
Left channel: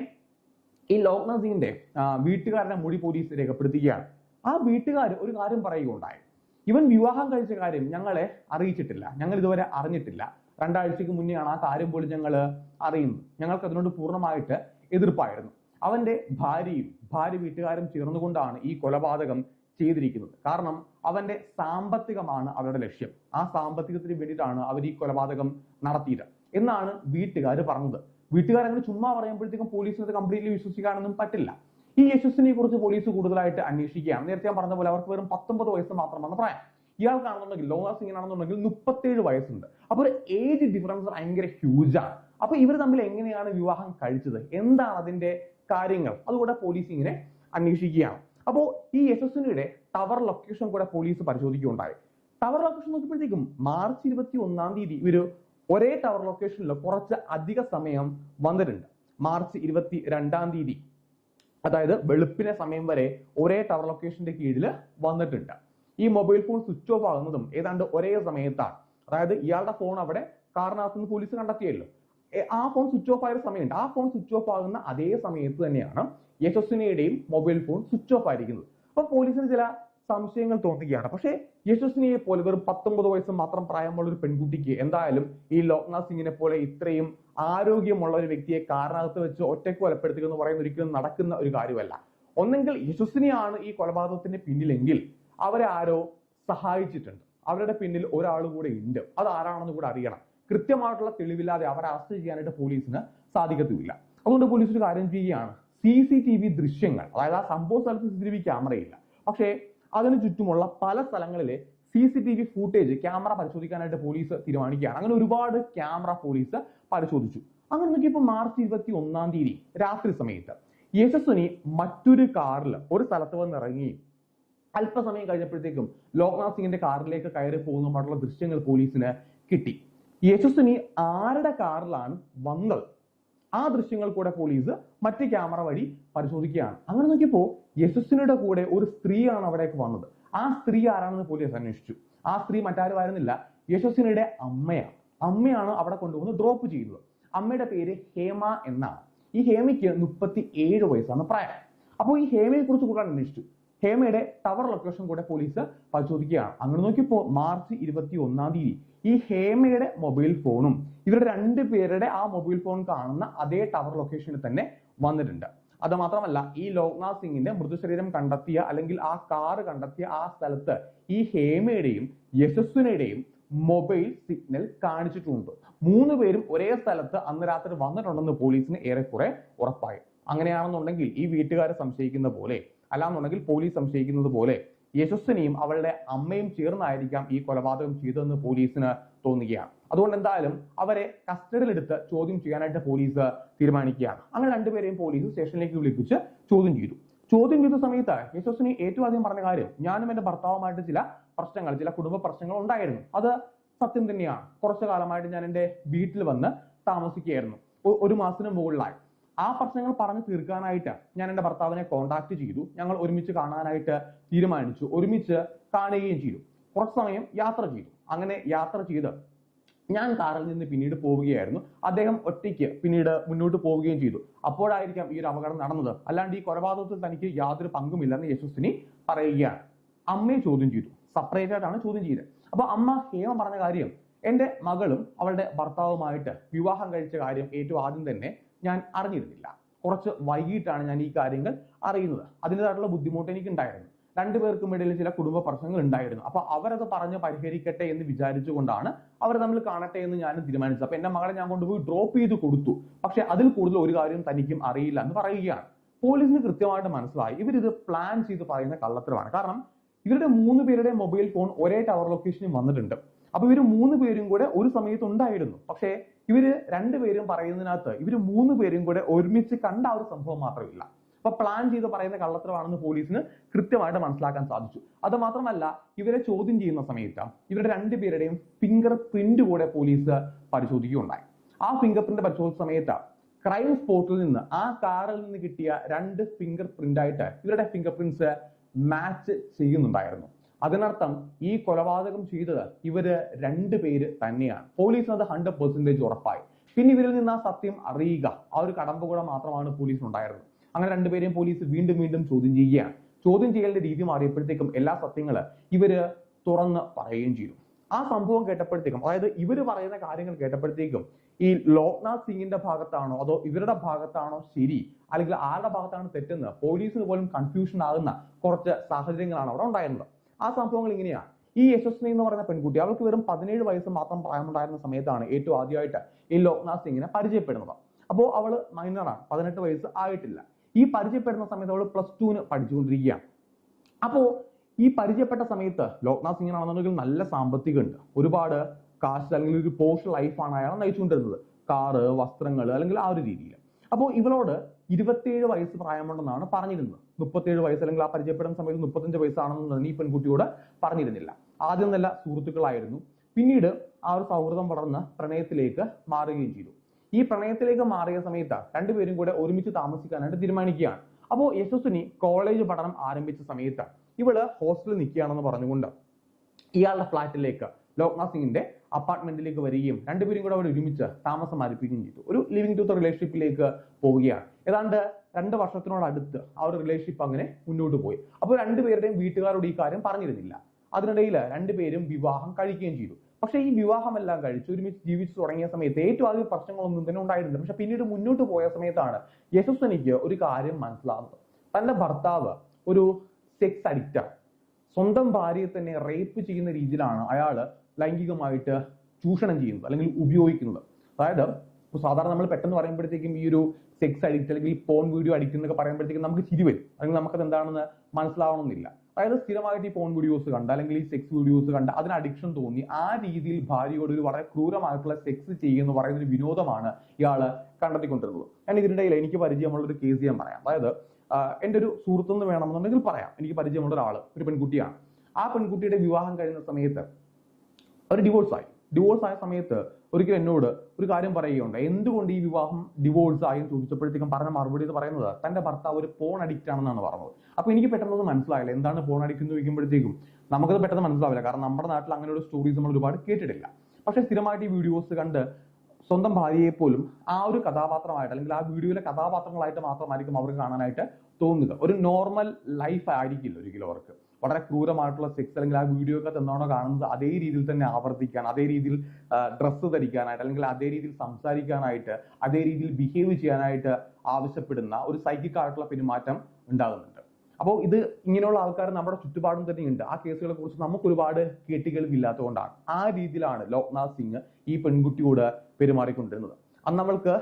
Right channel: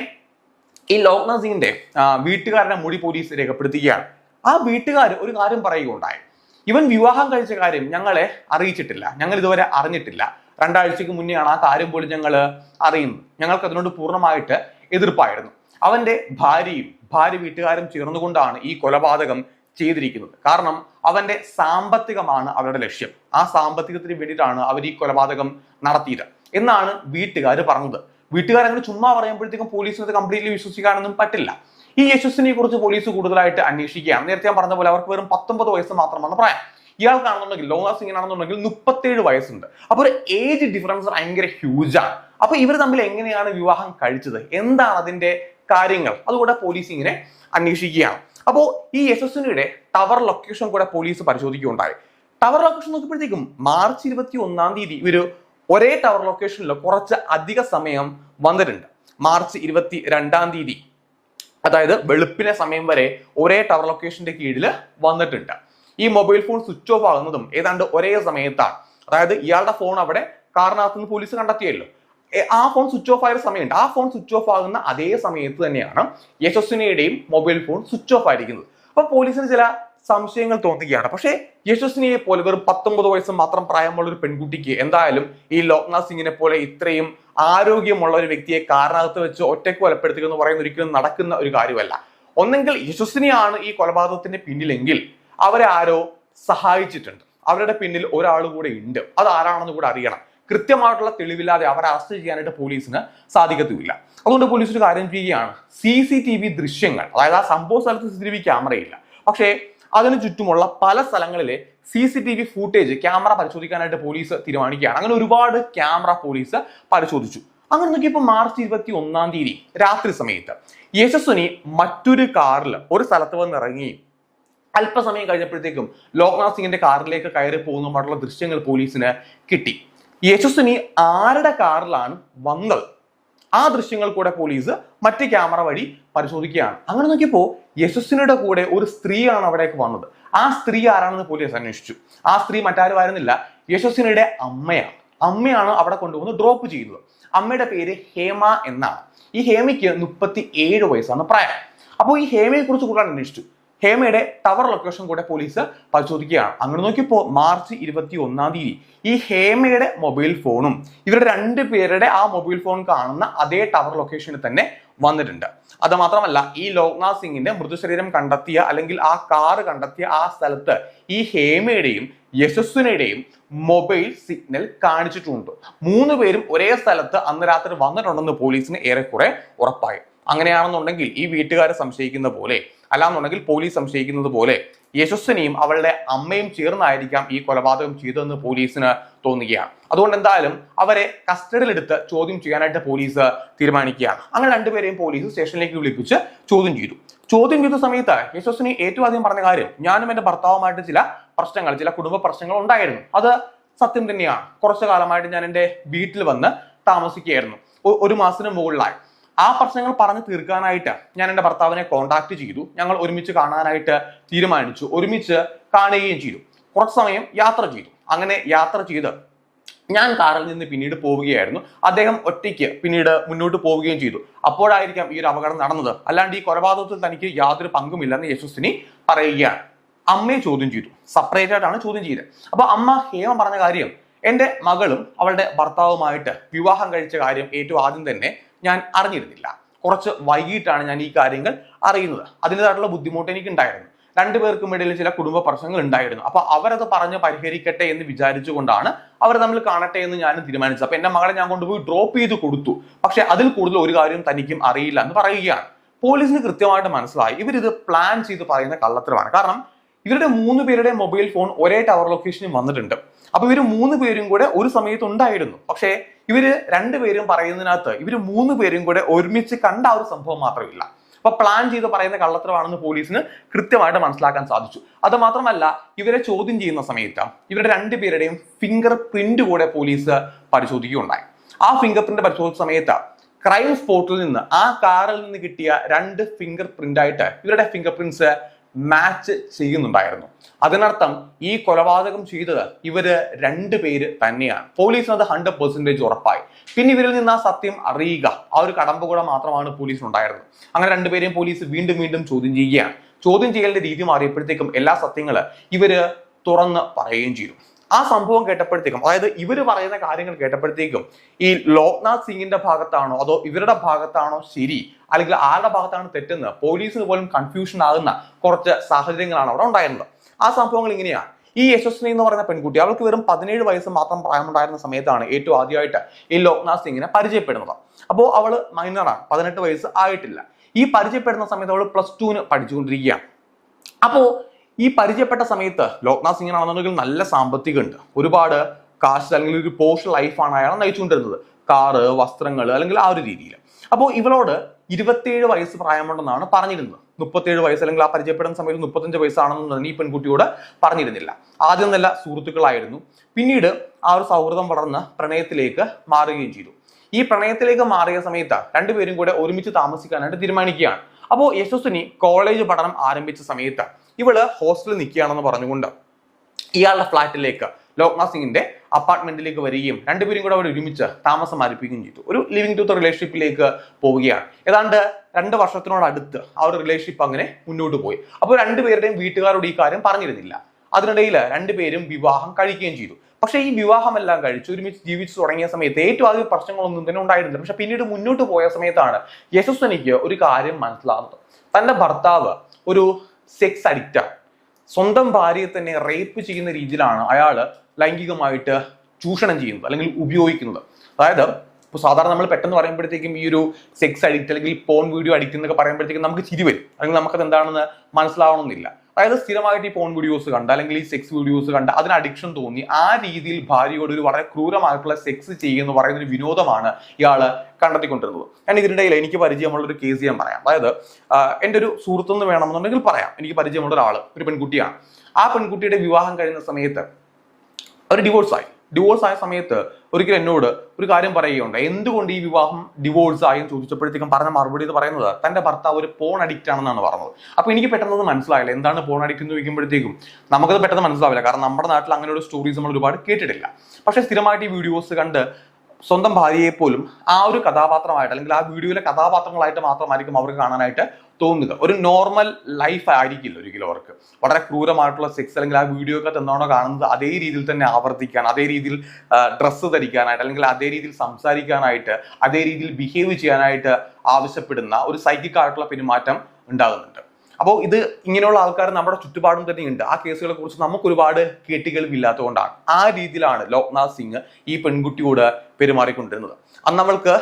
ഈ ലോക്നാഥ് സിംഗിന്റെ വീട്ടുകാരുടെ മൊഴി പോലീസ് രേഖപ്പെടുത്തുകയാണ്. ആ വീട്ടുകാർ ഒരു കാര്യം പറയുകയുണ്ടായി. ഇവൻ വിവാഹം കഴിച്ച കാര്യം ഞങ്ങളെ അറിയിച്ചിട്ടില്ല, ഞങ്ങൾ ഇതുവരെ അറിഞ്ഞിട്ടില്ല. 2 ആഴ്ചക്ക് മുന്നെയാണ് ആ കാര്യം പോലും ഞങ്ങൾ അറിയുന്നത്. ഞങ്ങൾക്ക് അതിനോട് പൂർണ്ണമായിട്ട് എതിർപ്പായിരുന്നു. അവന്റെ ഭാര്യ വീട്ടുകാരും ചേർന്നുകൊണ്ടാണ് ഈ കൊലപാതകം ചെയ്തിരിക്കുന്നത്. കാരണം അവന്റെ സാമ്പത്തികമാണ് അവരുടെ ലക്ഷ്യം. ആ സാമ്പത്തികത്തിന് വേണ്ടിയിട്ടാണ് അവർ ഈ കൊലപാതകം നടത്തിയത് എന്നാണ് വീട്ടുകാർ പറഞ്ഞത്. വീട്ടുകാരങ്ങനെ ചുമ്മാ പറയുമ്പോഴത്തേക്കും പോലീസിന് കംപ്ലീറ്റ്ലി വിശ്വസിക്കാനൊന്നും പറ്റില്ല. ഈ യശസ്വിനിയെ കുറിച്ച് പോലീസ് കൂടുതലായിട്ട് അന്വേഷിക്കുകയാണ്. നേരത്തെ ഞാൻ പറഞ്ഞ പോലെ അവർക്ക് വെറും 19 വയസ്സ് മാത്രമാണ് പ്രായം. ഇയാൾക്കാണെന്നുണ്ടെങ്കിൽ, ലോക്നാഥ് സിംഗിനാണെന്നുണ്ടെങ്കിൽ 37 വയസ്സുണ്ട്. അപ്പൊ ഒരു ഏജ് ഡിഫറൻസ് ഭയങ്കര ഹ്യൂജാണ്. അപ്പൊ ഇവർ തമ്മിൽ എങ്ങനെയാണ് വിവാഹം കഴിച്ചത്, എന്താണ് അതിന്റെ കാര്യങ്ങൾ, അതുകൂടെ പോലീസ് ഇങ്ങനെ അന്വേഷിക്കുകയാണ്. അപ്പോൾ ഈ യശസ്വിനിയുടെ ടവർ ലൊക്കേഷൻ കൂടെ പോലീസ് പരിശോധിക്കുകയുണ്ടായി. ടവർ ലൊക്കേഷൻ നോക്കിയപ്പോഴത്തേക്കും മാർച്ച് 21 ഇവര് ഒരേ ടവർ ലൊക്കേഷനിൽ കുറച്ച് അധിക സമയം വന്നിട്ടുണ്ട്. മാർച്ച് 22 അതായത് വെളുപ്പിനെ സമയം വരെ ഒരേ ടവർ ലൊക്കേഷന്റെ കീഴിൽ വന്നിട്ടുണ്ട്. ഈ മൊബൈൽ ഫോൺ സ്വിച്ച് ഓഫ് ആകുന്നതും ഏതാണ്ട് ഒരേ സമയത്താണ്. അതായത് ഇയാളുടെ ഫോൺ അവിടെ കാറിനകത്ത് നിന്ന് പോലീസ് കണ്ടെത്തിയല്ലോ, ആ ഫോൺ സ്വിച്ച് ഓഫ് ആയ സമയമുണ്ട്. ആ ഫോൺ സ്വിച്ച് ഓഫ് ആകുന്ന അതേ സമയത്ത് തന്നെയാണ് യശസ്വിനിയുടെയും മൊബൈൽ ഫോൺ സ്വിച്ച് ഓഫ് ആയിരിക്കുന്നത്. അപ്പൊ പോലീസിന് ചില സംശയങ്ങൾ തോന്നുകയാണ്. പക്ഷേ യശസ്വിനിയെ പോലെ വെറും 19 വയസ്സ് മാത്രം പ്രായമുള്ള ഒരു പെൺകുട്ടിക്ക് എന്തായാലും ഈ ലോക്നാഥ് സിംഗിനെ പോലെ ഇത്രയും ആരോഗ്യമുള്ള ഒരു വ്യക്തിയെ കാറിനകത്ത് വെച്ച് ഒറ്റയ്ക്ക് കൊലപ്പെടുത്തുക എന്ന് പറയുന്നത് ഒരിക്കലും നടക്കുന്ന ഒരു കാര്യമല്ല. ഒന്നെങ്കിൽ യശസ്വിനിയാണ് ഈ കൊലപാതകത്തിന്റെ പിന്നിലെങ്കിൽ അവരെ ആരോ സഹായിച്ചിട്ടുണ്ട്, അവരുടെ പിന്നിൽ ഒരാൾ കൂടെ ഉണ്ട്. അത് ആരാണെന്ന് കൂടെ അറിയണം. കൃത്യമായിട്ടുള്ള തെളിവില്ലാതെ അവരെ അറസ്റ്റ് ചെയ്യാനായിട്ട് പോലീസിന് സാധിക്കത്തുമില്ല. അതുകൊണ്ട് പോലീസ് ഒരു കാര്യം ചെയ്യുകയാണ്, CCTV ദൃശ്യങ്ങൾ, അതായത് ആ സംഭവ സ്ഥലത്ത് CCTV ക്യാമറയില്ല, പക്ഷേ അതിനു ചുറ്റുമുള്ള പല സ്ഥലങ്ങളിലെ CCTV ഫൂട്ടേജ് ക്യാമറ പരിശോധിക്കാനായിട്ട് പോലീസ് തീരുമാനിക്കുകയാണ്. അങ്ങനെ ഒരുപാട് ക്യാമറ പോലീസ് പരിശോധിച്ചു. അങ്ങനെ നോക്കിയപ്പോൾ മാർച്ച് 21 രാത്രി സമയത്ത് യശസ്വിനി മറ്റൊരു കാറിൽ ഒരു സ്ഥലത്ത് വന്ന് ഇറങ്ങി അല്പസമയം കഴിഞ്ഞപ്പോഴത്തേക്കും ലോക്നാഥ് സിംഗിന്റെ കാറിലേക്ക് കയറി പോകുന്നതുമായിട്ടുള്ള ദൃശ്യങ്ങൾ പോലീസിന് കിട്ടി. യശസ്വിനി ആരുടെ കാറിലാണ് വന്നത്, ആ ദൃശ്യങ്ങൾ കൂടെ പോലീസ് മറ്റ് ക്യാമറ വഴി പരിശോധിക്കുകയാണ്. അങ്ങനെ നോക്കിയപ്പോൾ യശസ്വിനിയുടെ കൂടെ ഒരു സ്ത്രീയാണ് അവിടേക്ക് വന്നത്. ആ സ്ത്രീ ആരാണെന്ന് പോലീസ് അന്വേഷിച്ചു. ആ സ്ത്രീ മറ്റാരുമായിരുന്നില്ല, യശസ്വിനിയുടെ അമ്മയാണ് അവിടെ കൊണ്ടുവന്ന് ഡ്രോപ്പ് ചെയ്യുന്നത്. അമ്മയുടെ പേര് ഹേമ എന്നാണ്. ഈ ഹേമയ്ക്ക് 37 വയസ്സാണ് പ്രായം. അപ്പോൾ ഈ ഹേമയെ കുറിച്ച് കൂടുതൽ അന്വേഷിച്ചു. ഹേമയുടെ ടവർ ലൊക്കേഷൻ കൂടെ പോലീസ് പരിശോധിക്കുകയാണ്. അങ്ങനെ നോക്കിയപ്പോൾ മാർച്ച് 21 ഈ ഹേമയുടെ മൊബൈൽ ഫോണും ഇവരുടെ 2 പേരുടെ ആ മൊബൈൽ ഫോൺ കാണുന്ന അതേ ടവർ ലൊക്കേഷനിൽ തന്നെ വന്നിട്ടുണ്ട്. അത് മാത്രമല്ല, ഈ ലോക്നാഥ് സിംഗിന്റെ മൃതശരീരം കണ്ടെത്തിയ അല്ലെങ്കിൽ ആ കാറ് കണ്ടെത്തിയ ആ സ്ഥലത്ത് ഈ ഹേമയുടെയും യശസ്വിനിയുടെയും മൊബൈൽ സിഗ്നൽ കാണിച്ചിട്ടുണ്ട്. 3 പേരും ഒരേ സ്ഥലത്ത് അന്ന് രാത്രി വന്നിട്ടുണ്ടെന്ന് പോലീസിന് ഏറെക്കുറെ ഉറപ്പായി. അങ്ങനെയാണെന്നുണ്ടെങ്കിൽ ഈ വീട്ടുകാരെ സംശയിക്കുന്ന പോലെ, അല്ലാന്നുണ്ടെങ്കിൽ പോലീസ് സംശയിക്കുന്നത് പോലെ യശസ്വിനിയും അവളുടെ അമ്മയും ചേർന്നായിരിക്കാം ഈ കൊലപാതകം ചെയ്തതെന്ന് പോലീസിന് തോന്നുകയാണ്. അതുകൊണ്ട് എന്തായാലും അവരെ കസ്റ്റഡിയിലെടുത്ത് ചോദ്യം ചെയ്യാനായിട്ട് പോലീസ് തീരുമാനിക്കുകയാണ്. അങ്ങനെ 2 പേരെയും പോലീസ് സ്റ്റേഷനിലേക്ക് വിളിപ്പിച്ച് ചോദ്യം ചെയ്ത സമയത്ത് യശസ്വിനി ഏറ്റവും ആദ്യം പറഞ്ഞ കാര്യം, ഞാനും എന്റെ ഭർത്താവുമായിട്ട് ചില കുടുംബ പ്രശ്നങ്ങൾ ഉണ്ടായിരുന്നു. അത് സത്യം തന്നെയാണ്. കുറച്ചു കാലമായിട്ട് ഞാൻ എൻ്റെ വീട്ടിൽ വന്ന് താമസിക്കുകയായിരുന്നു. 1 മാസത്തിന് മുകളിലായി. ആ പ്രശ്നങ്ങൾ പറഞ്ഞു തീർക്കാനായിട്ട് ഞാൻ എൻ്റെ ഭർത്താവിനെ കോൺടാക്ട് ചെയ്തു. ഞങ്ങൾ ഒരുമിച്ച് കാണാനായിട്ട് തീരുമാനിച്ചു. ഒരുമിച്ച് കാണുകയും ചെയ്തു. കുറച്ച് സമയം യാത്ര ചെയ്തു. അങ്ങനെ യാത്ര ചെയ്ത് ഞാൻ കാറിൽ നിന്ന് പിന്നീട് പോവുകയായിരുന്നു. അദ്ദേഹം ഒറ്റയ്ക്ക് പിന്നീട് മുന്നോട്ട് പോവുകയും ചെയ്തു. അപ്പോഴായിരിക്കാം ഈ ഒരു അപകടം നടന്നത്. അല്ലാണ്ട് ഈ കൊലപാതകത്തിൽ തനിക്ക് യാതൊരു പങ്കുമില്ലെന്ന് യശസ്വിനി പറയുകയാണ്. അമ്മയെ ചോദ്യം ചെയ്തു. സെപ്പറേറ്റ് ആയിട്ടാണ് ചോദ്യം ചെയ്തത്. അപ്പൊ അമ്മ ഹേമ പറഞ്ഞ കാര്യം, എൻ്റെ മകളും അവളുടെ ഭർത്താവുമായിട്ട് വിവാഹം കഴിച്ച കാര്യം ഏറ്റവും ആദ്യം തന്നെ ഞാൻ അറിഞ്ഞിരുന്നില്ല. കുറച്ച് വൈകിട്ടാണ് ഞാൻ ഈ കാര്യങ്ങൾ അറിയുന്നത്. അതിൻ്റെതായിട്ടുള്ള ബുദ്ധിമുട്ട് എനിക്ക് ഉണ്ടായിരുന്നു. രണ്ടുപേർക്കും ഇടയിൽ ചില കുടുംബ പ്രശ്നങ്ങൾ ഉണ്ടായിരുന്നു. അപ്പൊ അവരത് പറഞ്ഞ് പരിഹരിക്കട്ടെ എന്ന് വിചാരിച്ചുകൊണ്ടാണ് അവർ തമ്മിൽ കാണട്ടെ എന്ന് ഞാൻ തീരുമാനിച്ചത്. അപ്പൊ എന്റെ മകളെ ഞാൻ കൊണ്ടുപോയി ഡ്രോപ്പ് ചെയ്ത് കൊടുത്തു. പക്ഷെ അതിൽ കൂടുതൽ ഒരു കാര്യം തനിക്കും അറിയില്ല എന്ന് പറയുകയാണ്. പോലീസിന് കൃത്യമായിട്ട് മനസ്സിലായി ഇവരിത് പ്ലാൻ ചെയ്ത് പറയുന്ന കള്ളത്തരമാണ്. കാരണം ഇവരുടെ 3 പേരുടെ മൊബൈൽ ഫോൺ ഒരേ ടവർ ലൊക്കേഷനിൽ വന്നിട്ടുണ്ട്. അപ്പൊ ഇവര് 3 പേരും കൂടെ ഒരു സമയത്ത് ഉണ്ടായിരുന്നു. പക്ഷേ ഇവര് 2 പേരും പറയുന്നതിനകത്ത് ഇവര് 3 പേരും കൂടെ ഒരുമിച്ച് കണ്ട ഒരു സംഭവം മാത്രമില്ല. അപ്പൊ പ്ലാൻ ചെയ്ത് പറയുന്ന കള്ളത്തരമാണെന്ന് പോലീസിന് കൃത്യമായിട്ട് മനസ്സിലാക്കാൻ സാധിച്ചു. അത് മാത്രമല്ല, ഇവരെ ചോദ്യം ചെയ്യുന്ന സമയത്ത് ഇവരുടെ 2 പേരുടെയും ഫിംഗർ പ്രിന്റ് കൂടെ പോലീസ് പരിശോധിക്കുകയുണ്ടായി. ആ ഫിംഗർ പ്രിന്റ് പരിശോധിച്ച സമയത്ത് ക്രൈം സ്പോട്ടിൽ നിന്ന് ആ കാറിൽ നിന്ന് കിട്ടിയ 2 ഫിംഗർ പ്രിന്റ് ആയിട്ട് ഇവരുടെ ഫിംഗർ പ്രിന്റ്സ് മാച്ച് ചെയ്യുന്നുണ്ടായിരുന്നു. അതിനർത്ഥം ഈ കൊലപാതകം ചെയ്തത് ഇവര് 2 പേര് തന്നെയാണ്. പോലീസിന് അത് 100% ഉറപ്പായി. പിന്നെ ഇവരിൽ നിന്ന് ആ സത്യം അറിയുക, ആ ഒരു കടമ്പ കൂടെ മാത്രമാണ് പോലീസിനുണ്ടായിരുന്നത്. അങ്ങനെ 2 പേരെയും പോലീസ് വീണ്ടും വീണ്ടും ചോദ്യം ചെയ്യുകയാണ്. ചോദ്യം ചെയ്യലിന്റെ രീതി മാറിയപ്പോഴത്തേക്കും എല്ലാ സത്യങ്ങള് ഇവര് തുറന്ന് പറയുകയും ചെയ്തു. ആ സംഭവം കേട്ടപ്പോഴത്തേക്കും, അതായത് ഇവര് പറയുന്ന കാര്യങ്ങൾ കേട്ടപ്പോഴത്തേക്കും ഈ ലോക്നാഥ് സിംഗിന്റെ ഭാഗത്താണോ അതോ ഇവരുടെ ഭാഗത്താണോ ശരി, അല്ലെങ്കിൽ ആരുടെ ഭാഗത്താണ് തെറ്റെന്ന് പോലീസിന് പോലും കൺഫ്യൂഷൻ ആകുന്ന കുറച്ച് സാഹചര്യങ്ങളാണ് അവിടെ ഉണ്ടായിരുന്നത്. ആ സംഭവങ്ങൾ ഇങ്ങനെയാണ്. ഈ യശസ്വിനി എന്ന് പറയുന്ന പെൺകുട്ടി, അവൾക്ക് വെറും 17 വയസ്സ് മാത്രം പ്രായമുണ്ടായിരുന്ന സമയത്താണ് ഏറ്റവും ആദ്യമായിട്ട് ഈ ലോക്നാഥ് സിംഗിനെ പരിചയപ്പെടുന്നത്. അപ്പോൾ അവള് മൈനറാണ്, 18 വയസ്സ് ആയിട്ടില്ല. ഈ പരിചയപ്പെടുന്ന സമയത്ത് അവൾ +2 പഠിച്ചുകൊണ്ടിരിക്കുകയാണ്. അപ്പോ ഈ പരിചയപ്പെട്ട സമയത്ത് ലോക്നാഥ് സിംഗിനാണെന്നുണ്ടെങ്കിൽ നല്ല സാമ്പത്തികം ഉണ്ട്, ഒരുപാട് കാശ് അല്ലെങ്കിൽ ഒരു പോഷ് ലൈഫാണ് അയാൾ നയിച്ചുകൊണ്ടിരുന്നത്. കാറ്, വസ്ത്രങ്ങൾ, അല്ലെങ്കിൽ ആ ഒരു രീതിയിൽ. അപ്പോൾ ഇവളോട് 27 വയസ്സ് പ്രായമുണ്ടെന്നാണ് പറഞ്ഞിരുന്നത്. 37 വയസ്സ് അല്ലെങ്കിൽ ആ പരിചയപ്പെടുന്ന സമയത്ത് 35 വയസ്സാണെന്ന് ഈ പെൺകുട്ടിയോട് പറഞ്ഞിരുന്നില്ല. ആദ്യം നല്ല സുഹൃത്തുക്കളായിരുന്നു. പിന്നീട് ആ ഒരു സൗഹൃദം വളർന്ന് പ്രണയത്തിലേക്ക് മാറുകയും ചെയ്തു. ഈ പ്രണയത്തിലേക്ക് മാറിയ സമയത്ത് 2 പേരും കൂടെ ഒരുമിച്ച് താമസിക്കാനായിട്ട് തീരുമാനിക്കുകയാണ്. അപ്പോൾ യശസ്വിനി കോളേജ് പഠനം ആരംഭിച്ച സമയത്ത് ഇവള് ഹോസ്റ്റലിൽ നിൽക്കുകയാണെന്ന് പറഞ്ഞുകൊണ്ട് ഇയാളുടെ ഫ്ലാറ്റിലേക്ക്, ലോക്നാഥ് സിംഗിന്റെ അപ്പാർട്ട്മെന്റിലേക്ക് വരികയും 2 പേരും കൂടെ അവിടെ ഒരുമിച്ച് താമസം ആരംഭിക്കുകയും ചെയ്തു. ഒരു ലിവിംഗ് ടു റിലേഷൻഷിപ്പിലേക്ക് പോവുകയാണ്. ഏതാണ്ട് 2 വർഷത്തിനോടടുത്ത് ആ ഒരു റിലേഷൻഷിപ്പ് അങ്ങനെ മുന്നോട്ട് പോയി. അപ്പോൾ 2 പേരുടെയും വീട്ടുകാരോട് ഈ കാര്യം പറഞ്ഞിരുന്നില്ല. അതിനിടയിൽ 2 പേരും വിവാഹം കഴിക്കുകയും ചെയ്തു. പക്ഷേ ഈ വിവാഹമെല്ലാം കഴിച്ച് ഒരുമിച്ച് ജീവിച്ചു തുടങ്ങിയ സമയത്ത് ഏറ്റവും ആദ്യം പ്രശ്നങ്ങളൊന്നും തന്നെ ഉണ്ടായിരുന്നില്ല. പക്ഷെ പിന്നീട് മുന്നോട്ട് പോയ സമയത്താണ് യശസ്വിനിക്ക് ഒരു കാര്യം മനസ്സിലാകുന്നത്. തന്റെ ഭർത്താവ് ഒരു സെക്സ് അഡിക്റ്റാണ്. സ്വന്തം ഭാര്യയെ തന്നെ റേപ്പ് ചെയ്യുന്ന രീതിയിലാണ് അയാൾ ലൈംഗികമായിട്ട് ചൂഷണം ചെയ്യുന്നത് അല്ലെങ്കിൽ ഉപയോഗിക്കുന്നത്. അതായത് ഇപ്പോൾ സാധാരണ നമ്മൾ പെട്ടെന്ന് പറയുമ്പോഴത്തേക്കും ഈ ഒരു സെക്സ് അഡിക്റ്റ് അല്ലെങ്കിൽ പോൺ വീഡിയോ അഡിക്റ്റ് എന്നൊക്കെ പറയുമ്പോഴത്തേക്കും നമുക്ക് ചിരി വരും, അല്ലെങ്കിൽ നമുക്കത് എന്താണെന്ന് മനസ്സിലാവണമെന്നില്ല. അതായത് സ്ഥിരമായിട്ട് ഈ പോൺ വീഡിയോസ് കണ്ട് അല്ലെങ്കിൽ ഈ സെക്സ് വീഡിയോസ് കണ്ട് അതിന് അഡിക്ഷൻ തോന്നി ആ രീതിയിൽ ഭാര്യയോട് ഒരു വളരെ ക്രൂരമായിട്ടുള്ള സെക്സ് ചെയ്യുന്ന പറയുന്ന ഒരു വിനോദമാണ് ഇയാൾ കണ്ടെത്തിക്കൊണ്ടിരുന്നത്. ഞാൻ ഇതിനിടയിൽ എനിക്ക് പരിചയമുള്ള ഒരു കേസ് ഞാൻ പറയാം. അതായത് എൻ്റെ ഒരു സുഹൃത്തെന്ന് വേണമെന്നുണ്ടെങ്കിൽ പറയാം. എനിക്ക് പരിചയമുള്ള ഒരാൾ, ഒരു പെൺകുട്ടിയാണ്. ആ പെൺകുട്ടിയുടെ വിവാഹം കഴിയുന്ന സമയത്ത് അവർ ഡിവോഴ്സ് ആയ സമയത്ത് ഒരിക്കലും എന്നോട് ഒരു കാര്യം പറയുകയുണ്ട്. എന്തുകൊണ്ട് ഈ വിവാഹം ഡിവോഴ്സ് ആയി എന്ന് ചോദിച്ചപ്പോഴത്തേക്കും പറഞ്ഞ മറുപടി എന്ന് പറയുന്നത് തന്റെ ഭർത്താവ് ഒരു പോൺ അഡിക്റ്റ് ആണെന്നാണ് പറഞ്ഞത്. അപ്പൊ എനിക്ക് പെട്ടെന്ന് മനസ്സിലായില്ല എന്താണ് പോൺ അഡിക്റ്റ് എന്ന് ചോദിക്കുമ്പോഴത്തേക്കും നമുക്കത് പെട്ടെന്ന് മനസ്സിലാവില്ല. കാരണം നമ്മുടെ നാട്ടിൽ അങ്ങനെയുള്ള സ്റ്റോറീസ് നമ്മൾ ഒരുപാട് കേട്ടിട്ടില്ല. പക്ഷെ സ്ഥിരമായിട്ട് ഈ വീഡിയോസ് കണ്ട് സ്വന്തം ഭാര്യയെ പോലും ആ ഒരു കഥാപാത്രമായിട്ട് അല്ലെങ്കിൽ ആ വീഡിയോയിലെ കഥാപാത്രങ്ങളായിട്ട് മാത്രമായിരിക്കും അവർക്ക് കാണാനായിട്ട് തോന്നുക. ഒരു നോർമൽ ലൈഫ് ആയിരിക്കില്ല ഒരിക്കലും അവർക്ക്. വളരെ ക്രൂരമായിട്ടുള്ള സെക്സ് അല്ലെങ്കിൽ ആ വീഡിയോക്കകത്ത് എന്താണോ കാണുന്നത് അതേ രീതിയിൽ തന്നെ ആവർത്തിക്കാൻ, അതേ രീതിയിൽ ഡ്രസ്സ് ധരിക്കാനായിട്ട് അല്ലെങ്കിൽ അതേ രീതിയിൽ സംസാരിക്കാനായിട്ട്, അതേ രീതിയിൽ ബിഹേവ് ചെയ്യാനായിട്ട് ആവശ്യപ്പെടുന്ന ഒരു സൈക്കിക് ആയിട്ടുള്ള പെരുമാറ്റം ഉണ്ടാകുന്നുണ്ട്. അപ്പോൾ ഇത് ഇങ്ങനെയുള്ള ആൾക്കാർ നമ്മുടെ ചുറ്റുപാടും തന്നെയുണ്ട്. ആ കേസുകളെ കുറിച്ച് നമുക്ക് ഒരുപാട് കേട്ടുകേൾവില്ലാത്തതുകൊണ്ടാണ് ആ രീതിയിലാണ് ലോക്നാഥ് സിംഗ് ഈ പെൺകുട്ടിയോട് പെരുമാറിക്കൊണ്ടിരുന്നത്. അന്ന് അവൾക്ക്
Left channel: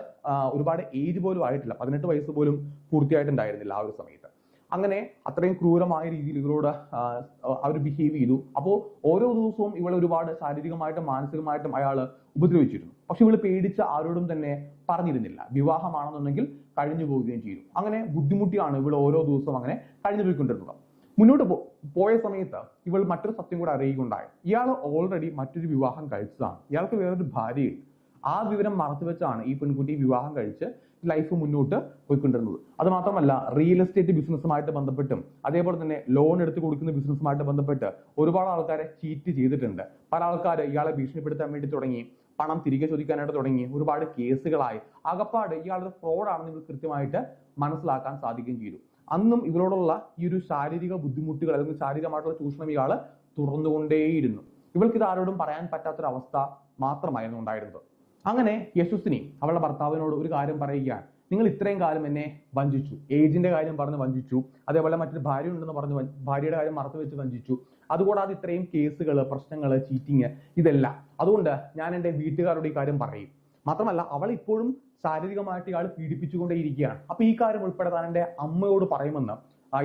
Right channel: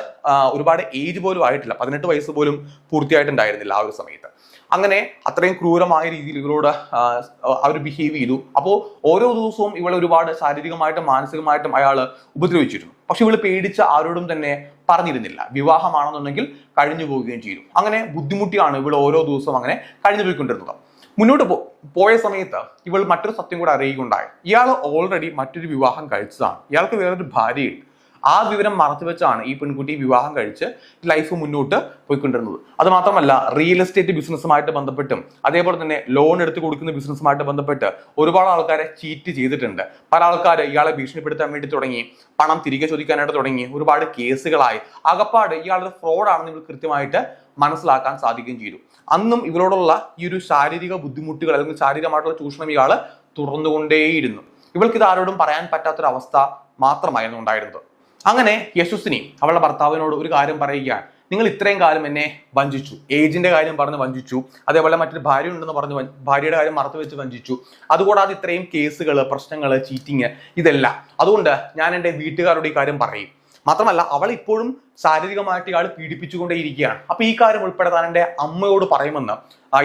ഒരുപാട് ഏജ് പോലും ആയിട്ടില്ല, 18 വയസ്സ് പോലും പൂർത്തിയായിട്ടുണ്ടായിരുന്നില്ല ആ ഒരു സമയത്ത്. അങ്ങനെ അത്രയും ക്രൂരമായ രീതിയിൽ ഇവരോട് അവർ ബിഹേവ് ചെയ്തു. അപ്പോൾ ഓരോ ദിവസവും ഇവളെ ഒരുപാട് ശാരീരികമായിട്ടും മാനസികമായിട്ടും അയാൾ ഉപദ്രവിച്ചിരുന്നു. പക്ഷെ ഇവള് പേടിച്ച് ആരോടും തന്നെ പറഞ്ഞിരുന്നില്ല. വിവാഹമാണെന്നുണ്ടെങ്കിൽ കഴിഞ്ഞു പോവുകയും ചെയ്തു. അങ്ങനെ ബുദ്ധിമുട്ടിയാണ് ഇവൾ ഓരോ ദിവസവും അങ്ങനെ കഴിഞ്ഞു പോയിക്കൊണ്ടിരുന്നത്. മുന്നോട്ട് പോയ സമയത്ത് ഇവൾ മറ്റൊരു സത്യം കൂടെ അറിയുകയുണ്ടായി. ഇയാൾ ഓൾറെഡി മറ്റൊരു വിവാഹം കഴിച്ചതാണ്. ഇയാൾക്ക് വേറൊരു ഭാര്യയുണ്ട്. ആ വിവരം മറച്ചുവെച്ചാണ് ഈ പെൺകുട്ടി വിവാഹം കഴിച്ച് ലൈഫ് മുന്നോട്ട് പോയിക്കൊണ്ടിരുന്നത്. അത് മാത്രമല്ല, റിയൽ എസ്റ്റേറ്റ് ബിസിനസ്സുമായിട്ട് ബന്ധപ്പെട്ടും അതേപോലെ തന്നെ ലോൺ എടുത്ത് കൊടുക്കുന്ന ബിസിനസ്സുമായിട്ട് ബന്ധപ്പെട്ട് ഒരുപാട് ആൾക്കാരെ ചീറ്റ് ചെയ്തിട്ടുണ്ട്. പല ആൾക്കാർ ഇയാളെ ഭീഷണിപ്പെടുത്താൻ വേണ്ടി തുടങ്ങി, പണം തിരികെ ചോദിക്കാനായിട്ട് തുടങ്ങി, ഒരുപാട് കേസുകളായി. അകപ്പാട് ഇയാളൊരു ഫ്രോഡാണെന്ന് ഇവർ കൃത്യമായിട്ട് മനസ്സിലാക്കാൻ സാധിക്കുകയും ചെയ്തു. അന്നും ഇവരോടുള്ള ഈ ഒരു ശാരീരിക ബുദ്ധിമുട്ടുകൾ അല്ലെങ്കിൽ ശാരീരികമായിട്ടുള്ള ചൂഷണം ഇയാൾ തുറന്നുകൊണ്ടേയിരുന്നു. ഇവൾക്ക് ഇത് ആരോടും പറയാൻ പറ്റാത്തൊരവസ്ഥ മാത്രമായിരുന്നു ഉണ്ടായിരുന്നത്. അങ്ങനെ യശസ്വിനി അവളുടെ ഭർത്താവിനോട് ഒരു കാര്യം പറയുകയാണ്. നിങ്ങൾ ഇത്രയും കാലം എന്നെ വഞ്ചിച്ചു, ഏജിന്റെ കാര്യം പറഞ്ഞ് വഞ്ചിച്ചു, അതേപോലെ മറ്റൊരു ഭാര്യ ഉണ്ടെന്ന് പറഞ്ഞ് ഭാര്യയുടെ കാര്യം മറച്ചു വെച്ച് വഞ്ചിച്ചു, അതുകൂടാതെ ഇത്രയും കേസുകൾ, പ്രശ്നങ്ങൾ, ചീറ്റിങ്, ഇതെല്ലാം. അതുകൊണ്ട് ഞാൻ എൻ്റെ വീട്ടുകാരുടെ ഈ കാര്യം പറയും. മാത്രമല്ല അവൾ ഇപ്പോഴും ശാരീരികമായിട്ട് ഇയാൾ പീഡിപ്പിച്ചുകൊണ്ടേയിരിക്കുകയാണ്. അപ്പൊ ഈ കാര്യം ഉൾപ്പെടെ താൻ എൻ്റെ അമ്മയോട് പറയുമെന്ന്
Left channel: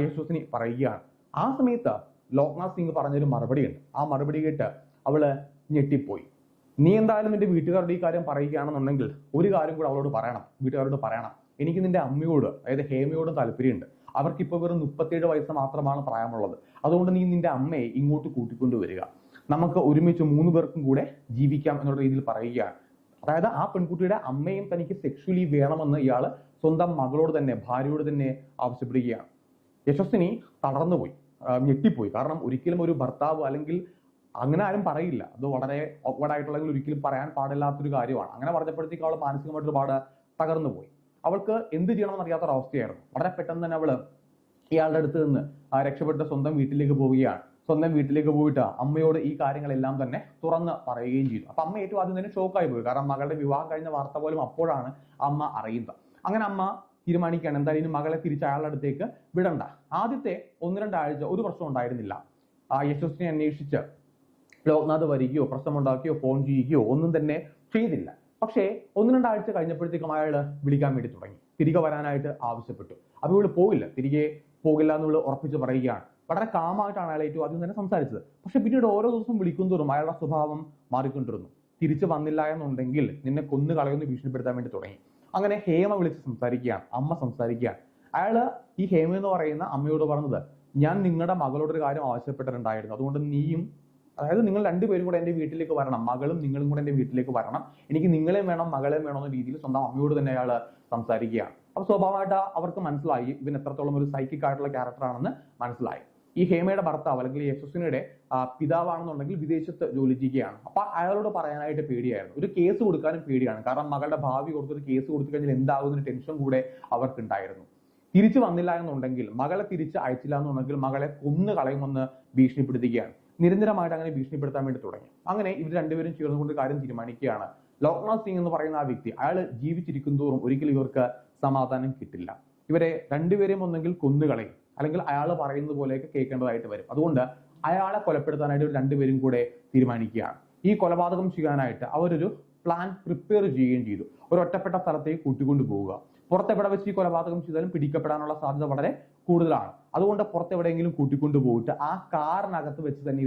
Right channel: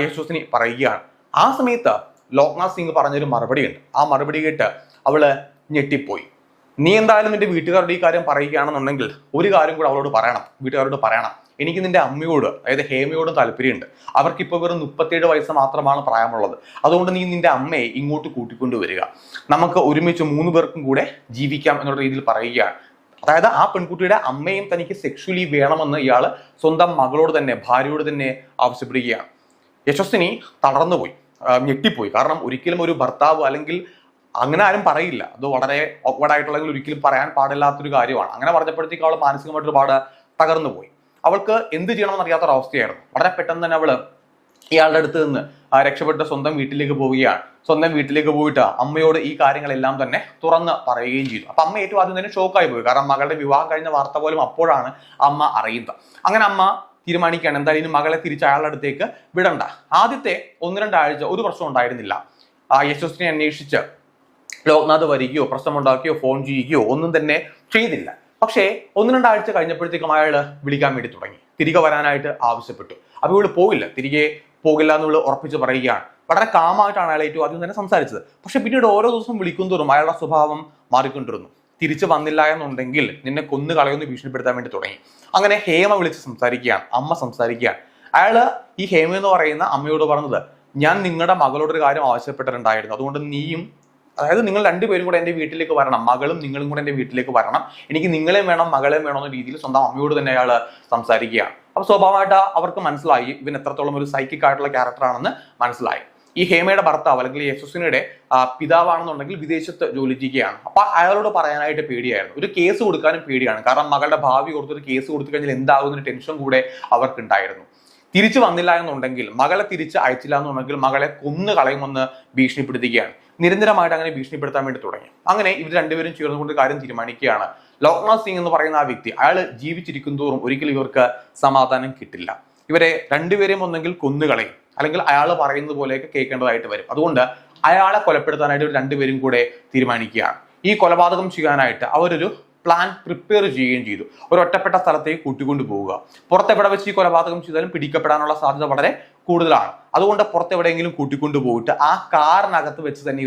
യശസ്വിനി പറയുകയാണ്. ആ സമയത്ത് ലോക്നാഥ് സിംഗ് പറഞ്ഞൊരു മറുപടിയുണ്ട്. ആ മറുപടി കേട്ട് അവള് ഞെട്ടിപ്പോയി. നീ എന്തായാലും നിന്റെ വീട്ടുകാരുടെ ഈ കാര്യം പറയുകയാണെന്നുണ്ടെങ്കിൽ ഒരു കാര്യം കൂടെ അവളോട് പറയണം, വീട്ടുകാരോട് പറയണം. എനിക്ക് നിന്റെ അമ്മയോട്, അതായത് ഹേമയോടും താല്പര്യമുണ്ട്. അവർക്കിപ്പോൾ വെറും 37 വയസ്സ് മാത്രമാണ് പ്രായമുള്ളത്. അതുകൊണ്ട് നീ നിന്റെ അമ്മയെ ഇങ്ങോട്ട് കൂട്ടിക്കൊണ്ടുവരിക, നമുക്ക് ഒരുമിച്ച് 3 പേർക്കും കൂടെ ജീവിക്കാം എന്നുള്ള രീതിയിൽ പറയുകയാണ്. അതായത് ആ പെൺകുട്ടിയുടെ അമ്മയും തനിക്ക് സെക്ഷുവലി വേണമെന്ന് ഇയാൾ സ്വന്തം മകളോട് തന്നെ, ഭാര്യയോട് തന്നെ ആവശ്യപ്പെടുകയാണ്. യശസ്വിനി തളർന്നുപോയി, ഞെട്ടിപ്പോയി. കാരണം ഒരിക്കലും ഒരു ഭർത്താവ്, അല്ലെങ്കിൽ അങ്ങനെ ആരും പറയില്ല, അത് വളരെ ഓക്വേർഡ് ആയിട്ടുള്ള, ഒരിക്കലും പറയാൻ പാടില്ലാത്തൊരു കാര്യമാണ്. അങ്ങനെ പറഞ്ഞപ്പോഴത്തേക്ക് അവൾ മാനസികമായിട്ട് ഒരുപാട് തകർന്നു പോയി. അവൾക്ക് എന്ത് ചെയ്യണമെന്ന് അറിയാത്തൊരവസ്ഥയായിരുന്നു. വളരെ പെട്ടെന്ന് തന്നെ അവള് ഇയാളുടെ അടുത്ത് നിന്ന് രക്ഷപ്പെട്ട് സ്വന്തം വീട്ടിലേക്ക് പോവുകയാണ്. സ്വന്തം വീട്ടിലേക്ക് പോയിട്ട് അമ്മയോട് ഈ കാര്യങ്ങളെല്ലാം തന്നെ തുറന്ന് പറയുകയും ചെയ്തു. അപ്പൊ അമ്മ ഏറ്റവും ആദ്യം തന്നെ ഷോക്കായി പോയി. കാരണം മകളുടെ വിവാഹം കഴിഞ്ഞ വാർത്ത പോലും അപ്പോഴാണ് അമ്മ അറിയുന്നത്. അങ്ങനെ അമ്മ തീരുമാനിക്കുകയാണ് എന്തായാലും ഇനി മകളെ തിരിച്ച് അയാളുടെ അടുത്തേക്ക് വിടണ്ട. ആദ്യത്തെ 1-2 ആഴ്ച ഒരു പ്രശ്നം ഉണ്ടായിരുന്നില്ല. യശസ്വിനെ അന്വേഷിച്ച് ലോക്നാഥ് വരികയോ പ്രശ്നമുണ്ടാക്കുകയോ ഫോൺ ചെയ്യുകയോ ഒന്നും തന്നെ ചെയ്തില്ല. പക്ഷേ 1-2 ആഴ്ച കഴിഞ്ഞപ്പോഴത്തേക്കും അയാൾ വിളിക്കാൻ വേണ്ടി തുടങ്ങി, തിരികെ വരാനായിട്ട് ആവശ്യപ്പെട്ടു. അപ്പൊ ഇവള് പോകില്ല, തിരികെ പോകില്ല എന്നുള്ള ഉറപ്പിച്ച് പറയുകയാണ്. വളരെ കാമായിട്ടാണ് അയാൾ ഏറ്റവും ആദ്യം തന്നെ സംസാരിച്ചത്. പക്ഷെ പിന്നീട് ഓരോ ദിവസം വിളിക്കുന്തോറും അയാളുടെ സ്വഭാവം മാറിക്കൊണ്ടിരുന്നു. തിരിച്ചു വന്നില്ല എന്നുണ്ടെങ്കിൽ നിന്നെ കൊന്നു കളയൊന്ന് ഭീഷണിപ്പെടുത്താൻ വേണ്ടി തുടങ്ങി. അങ്ങനെ ഹേമ വിളിച്ച് സംസാരിക്കുകയാണ്, അമ്മ സംസാരിക്കുകയാണ്. അയാള് ഈ ഹേമ എന്ന് പറയുന്ന അമ്മയോട് പറഞ്ഞത്, ഞാൻ നിങ്ങളുടെ മകളോട് ഒരു കാര്യം ആവശ്യപ്പെട്ടിട്ടുണ്ടായിരുന്നു, അതുകൊണ്ട് നീയും, അതായത് നിങ്ങൾ രണ്ടുപേരും കൂടെ എൻ്റെ വീട്ടിലേക്ക് വരണം, മകളും നിങ്ങളും കൂടെ എൻ്റെ വീട്ടിലേക്ക് വരണം, എനിക്ക് നിങ്ങളെയും വേണം മകളെയും വേണം എന്ന രീതിയിൽ സ്വന്തം അമ്മയോട് തന്നെ അയാൾ സംസാരിക്കുകയാണ്. അപ്പൊ സ്വാഭാവികമായിട്ട് അവർക്ക് മനസ്സിലായി ഇവൻ എത്രത്തോളം ഒരു സൈക്കിക് ആയിട്ടുള്ള ക്യാരക്ടർ ആണെന്ന് മനസ്സിലായി. ഈ ഹേമയുടെ ഭർത്താവ് അല്ലെങ്കിൽ യശസ്വിനിയുടെ പിതാവാണെന്നുണ്ടെങ്കിൽ വിദേശത്ത് ജോലി ചെയ്യുകയാണ്. അപ്പൊ അയാളോട് പറയാനായിട്ട് പേടിയായിരുന്നു, ഒരു കേസ് കൊടുക്കാനും പേടിയാണ്. കാരണം മകളുടെ ഭാവി ഓർത്തൊരു കേസ് കൊടുത്തു കഴിഞ്ഞാൽ എന്താകുന്നൊരു ടെൻഷൻ കൂടെ അവർക്കുണ്ടായിരുന്നു. തിരിച്ചു വന്നില്ല എന്നുണ്ടെങ്കിൽ, മകളെ തിരിച്ച് അയച്ചില്ല എന്നുണ്ടെങ്കിൽ മകളെ കൊന്നു കളയുമെന്ന് ഭീഷണിപ്പെടുത്തുകയാണ്. നിരന്തരമായിട്ട് അങ്ങനെ ഭീഷണിപ്പെടുത്താൻ വേണ്ടി തുടങ്ങി. അങ്ങനെ ഇവർ രണ്ടുപേരും ചേർന്നുകൊണ്ട് കാര്യം തീരുമാനിക്കുകയാണ്. ലോക്നാഥ് സിംഗ് എന്ന് പറയുന്ന ആ വ്യക്തി, അയാൾ ജീവിച്ചിരിക്കും തോറും ഒരിക്കലും ഇവർക്ക് സമാധാനം കിട്ടില്ല. ഇവരെ രണ്ടുപേരെയും ഒന്നെങ്കിൽ കൊന്നുകളയും, അല്ലെങ്കിൽ അയാൾ പറയുന്നത് പോലെയൊക്കെ കേൾക്കേണ്ടതായിട്ട് വരും. അതുകൊണ്ട് അയാളെ കൊലപ്പെടുത്താനായിട്ട് ഇവർ രണ്ടുപേരും കൂടെ തീരുമാനിക്കുകയാണ്. ഈ കൊലപാതകം ചെയ്യാനായിട്ട് അവരൊരു പ്ലാൻ പ്രിപ്പയർ ചെയ്യുകയും ചെയ്തു. ഒരു ഒറ്റപ്പെട്ട സ്ഥലത്തേക്ക് കൂട്ടിക്കൊണ്ടു പോവുക. പുറത്തെവിടെ വെച്ച് ഈ കൊലപാതകം ചെയ്താലും പിടിക്കപ്പെടാനുള്ള സാധ്യത വളരെ കൂടുതലാണ്. അതുകൊണ്ട് പുറത്തെവിടെയെങ്കിലും കൂട്ടിക്കൊണ്ടു പോയിട്ട് ആ കാറിനകത്ത് വെച്ച് തന്നെ